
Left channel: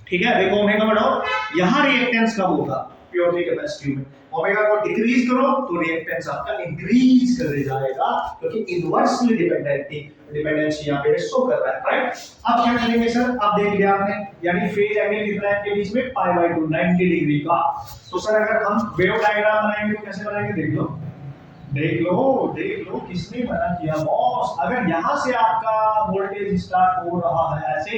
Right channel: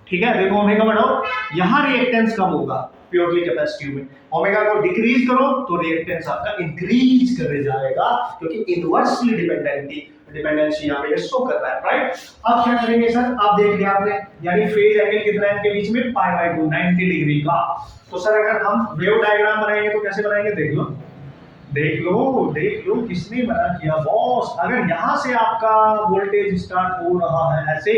ठीक है, देखो ओमेगा बढ़ाओ, यहां रिएक्टेंस कम होगा प्योरली कैपेसिटिव में, ओमेगा को डिक्रीज करो तो रिएक्टेंस आपका इंक्रीज करे जाएगा, क्योंकि इनवर्सली डिपेंडेंसी यहां पे शो कर रहा है, राइट। अब क्या करेंगे सर, आप देख लिया आपने, यानी फेज एंगल कितना है इनके बीच में, पाई बाय 2 90 डिग्री का। तो सर अगर हम वेव डायग्राम बनाएंगे तो कैसे बनाएंगे, देख लो किसने मना किया बॉस। अगर यहां से आपका वोल्टेज स्टार्ट हो रहा है ऐसे,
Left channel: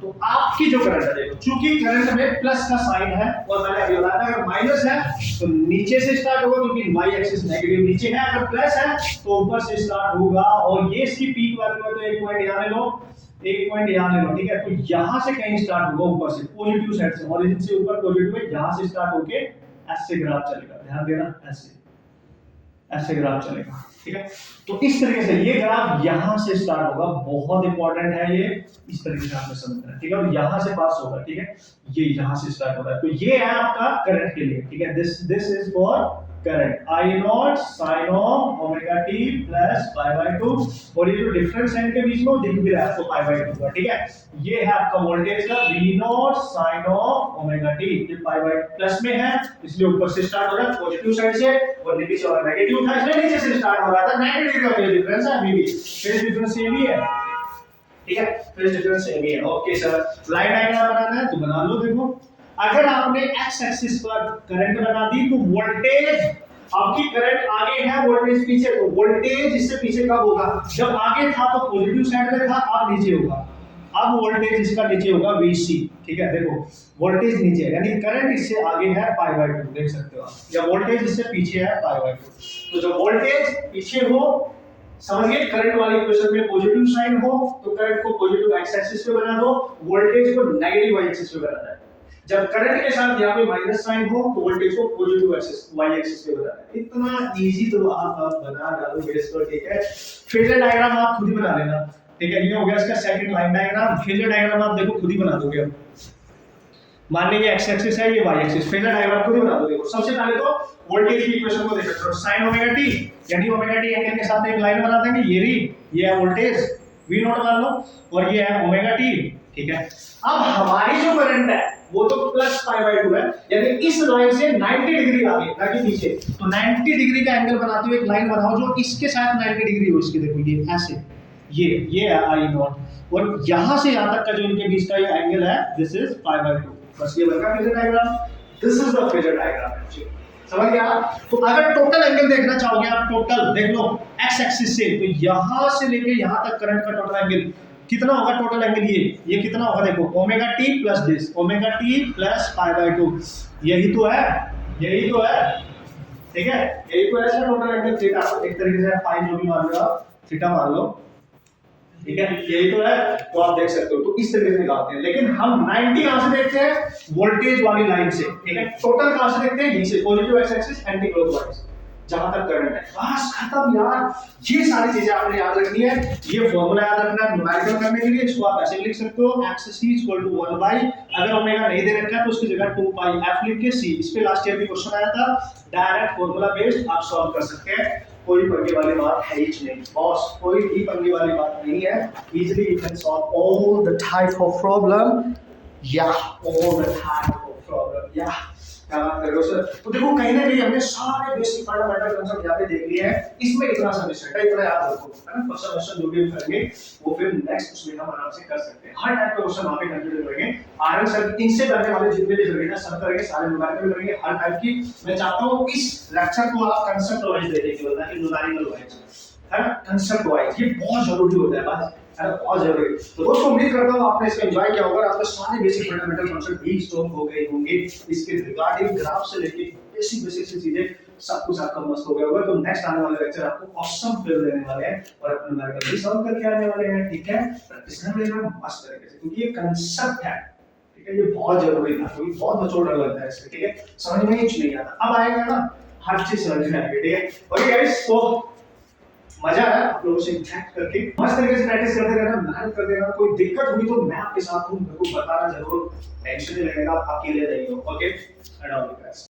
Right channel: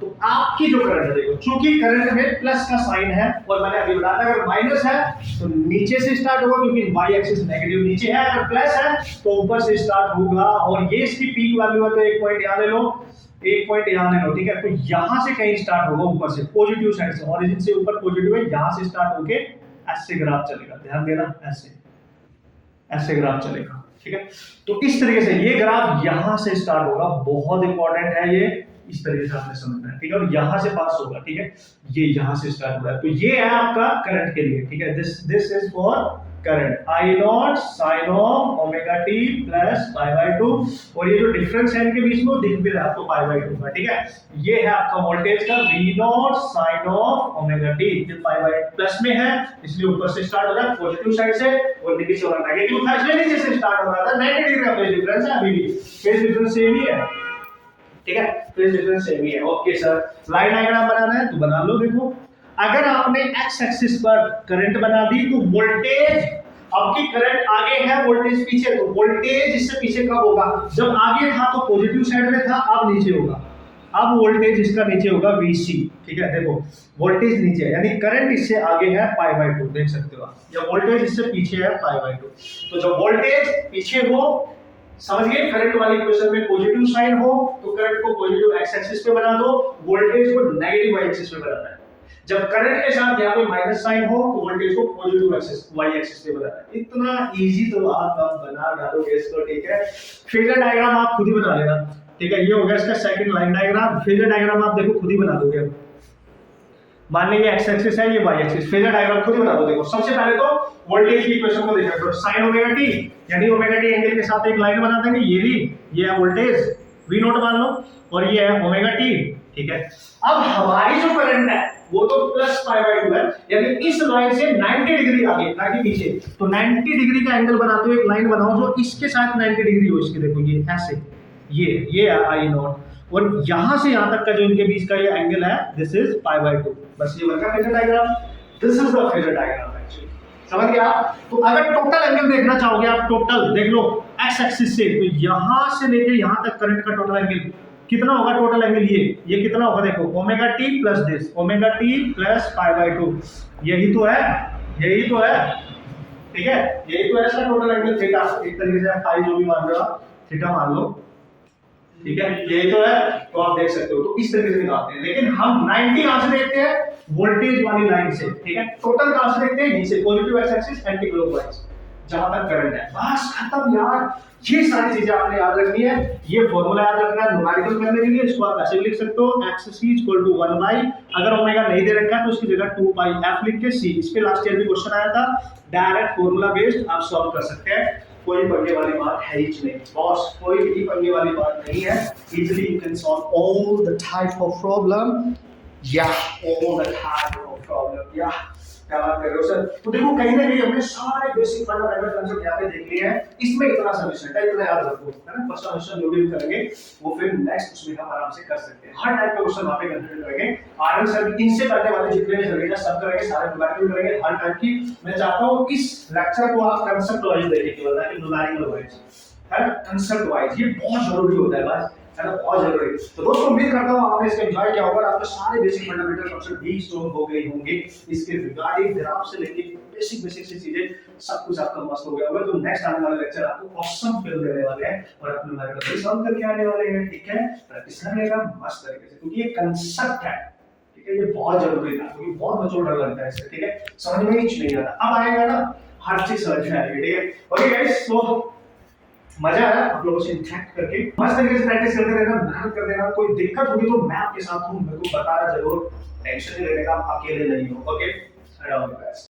तो आपकी जो करंट है, देखो चूंकि करंट में प्लस का साइन है, और मैंने अभी बताया अगर माइनस है तो नीचे से स्टार्ट होगा, क्योंकि y एक्सिस नेगेटिव नीचे है, अगर प्लस है तो ऊपर से स्टार्ट होगा। और ये इसकी पीक वैल्यू है, तो एक पॉइंट यहां ले लो, एक पॉइंट यहां ले लो, ठीक है। तो यहां से कहीं स्टार्ट होगा ऊपर से, पॉजिटिव साइड से, ओरिजिन से ऊपर पॉजिटिव है, यहां से स्टार्ट होके ऐसे ग्राफ चलेगा, ध्यान देना, ऐसे ग्राफ चलेगा, ठीक है। तो इस तरीके से ये ग्राफ यहां से स्टार्ट होगा, बहुत इंपॉर्टेंट है ये, इस तरीके से आपने समझना है, ठीक है। और यहां से पास होगा, ठीक है, ये यहां से स्टार्ट हो रहा है, तो ये है आपका करंट के लिए, ठीक है। This is for current, I naught sin of omega t plus pi by 2, और ये जो डिफरेंस है इनके बीच में दिख भी रहा है आपको पाई बाय 2 का, ठीक है। ये है आपका वोल्टेज का V naught sin of omega t, जो पाई बाय प्लस में है इसलिए ऊपर से स्टार्ट हो रहा है पॉजिटिव साइड से, और नीचे से नेगेटिव था इसलिए नीचे से स्टार्ट हो रहा था। 90 डिग्री का फेज डिफरेंस है, अभी भी फेज डिफरेंस सेम ही है, ठीक है, फेज डिफरेंस सेम ही है। ओके सर, लाइन डायग्राम बनाना है तो बना लो। देखो अगर आपने x एक्सिस पर करंट बना दी तो वोल्टेज, आपकी करंट आगे है वोल्टेज पीछे, तो वोल्टेज इससे पीछे कब होगा, जब आगे था तो पॉजिटिव साइड में था, अब नीचे होगा, अब वोल्टेज इसका नीचे होगा VC, ठीक है। देखो वोल्टेज नीचे है, यानी करंट इससे आगे है पाई बाय 2, देख सकते हो आप, या वोल्टेज इससे पीछे है पाई बाय 2। तो जब वोल्टेज पीछे हो समझ गए? करंट वाली इक्वेशन में पॉजिटिव साइन हो तो करंट को पॉजिटिव एक्स एक्सिस पे बना दो, वोल्टेज को नेगेटिव वाई एक्सिस पे बनाना है। जब करंट के साथ यहाँ पे माइनस साइन हो तो वोल्टेज को पॉजिटिव एक्सिस वाई एक्सिस पे बनाना है। इतना इजी तो आप बना डालोगे इसको, ठीक है। फेजर डायग्राम आप खुद ही बना लेना, ठीक है। ये हो गया इसका second line diagram. Phasor diagram आप देखो खुद ही बना दोगे। अब मान लीजिए एक्स एक्सिस है, ये वाई एक्सिस, फेजर डायग्राम खुद ही बना दो। देखो सबसे पहले तो वोल्टेज की इक्वेशन को देखो, तो sin ओमेगा t यानी ओमेगा t एंगल के साथ एक लाइन बना देंगे। ये है वोल्टेज v नॉट मान लो, और ये है ओमेगा t, ठीक है। अब हमारी जो करंट है वो तो प्लस पाई बाय 2 है, यानी इस लाइन से 90 डिग्री आगे ना कि पीछे। तो 90 डिग्री का एंगल बनाते हुए एक लाइन बनाओ जो इसके साथ 90 डिग्री हो। इसके देखो ये ऐसे, ये है आई नॉट, और यहां से यहां तक का जो इनके बीच का ये एंगल है दिस इज पाई बाय 2। बस ये बन गया phasor diagram. This is the phasor diagram actually, समझ गया? तो अगर टोटल एंगल देखना चाहोगे आप, टोटल देख लो एक्स एक्सिस से, तो यहां से लेके यहां तक करंट का टोटल एंगल कितना होगा? टोटल एंगल ये कितना होगा? देखो omega T plus this, omega T plus pi by 2, यही तो है, ठीक है। यही तो है इसका टोटल एंगल थीटा। एक तरीके से फाई जो भी मान लो आप, थीटा मान लो, ठीक है। यही तो है, तो आप देख सकते हो। तो इस तरीके से निकालते हैं, लेकिन हम 90 कहां से देखते हैं? वोल्टेज वाली लाइन से, ठीक है। टोटल कहां से देखते हैं? यहीं से, positive x axis anti clockwise, जहां तक करंट है। बस खत्म यार। ये सारी चीजें आपने याद रखनी है, ये फॉर्मूला याद रखना है न्यूमेरिकल करने के लिए। इसको आप ऐसे भी लिख सकते हो, x c = 1 बाई, अगर ओमेगा नहीं दे रखा है तो उसकी जगह 2 पाई f लिख के c। इस पे लास्ट ईयर भी क्वेश्चन आया था, डायरेक्ट फॉर्मूला बेस्ड आप सॉल्व कर सकते हैं। कोई पंगे वाली बात है ही नहीं बॉस, कोई भी पंगे वाली बात नहीं है। Easily you can solve all the type of problem, या all the type of problem, या क्या बात कर रहे हो सर? तो देखो कहीं ना कहीं हमने सारे बेसिक फंडामेंटल कांसेप्ट यहाँ पे देख लिए हैं। इसमें इतना सा मिस्टेक है, इतना याद रखो, है ना। क्वेश्चन जो भी करेंगे वो फिर नेक्स्ट उसमें हम आराम से कर सकते हैं। हर टाइप के क्वेश्चन वहाँ पे कंसिडर करेंगे। आरएन सर इनसे करने वाले जितने भी सर्किट है सब करेंगे, सारे न्यूमेरिकल करेंगे, हर टाइप की। मैं चाहता हूँ इस लेक्चर को आप कांसेप्ट वाइज देखें, केवल ना कि न्यूमेरिकल वाइज, है ना। कांसेप्ट वाइज ये बहुत जरूरी होता है, बस बहुत जरूरी। तो दोस्तों उम्मीद करता हूँ आपने इसको एंजॉय किया होगा, आपको सारे बेसिक फंडामेंटल कांसेप्ट भी स्ट्रॉन्ग हो गए होंगे। इसके रिगार्डिंग ग्राफ से लेके बेसिक सी चीजें सब कुछ आपका मस्त हो गया होगा। तो नेक्स्ट आने वाले लेक्चर आपको ऑसम फील देने वाले हैं और अपने न्यूमेरिकल भी सॉल्व करके आने वाले हैं, ठीक है। प्रैक्टिस कर लेना मस्त तरीके से, क्योंकि ये कांसेप्ट है, ठीक है। ये बहुत जरूरी था, क्योंकि बहुत बच्चों को डर लगता है इससे, ठीक है। समझ में ही नहीं आता, अब आएगा ना हर चीज समझ में आएगी, ठीक है। ओके गाइस, तो मजा आया आप लोगों से इंटरेक्ट करके। मस्त तरीके से प्रैक्टिस करते रहना, मेहनत करते रहना। कोई दिक्कत हुई तो मैं आपके साथ हूँ, मेरे को बताना जरूर, टेंशन नहीं लेने का, आप अकेले नहीं हो। Okay, and all the best.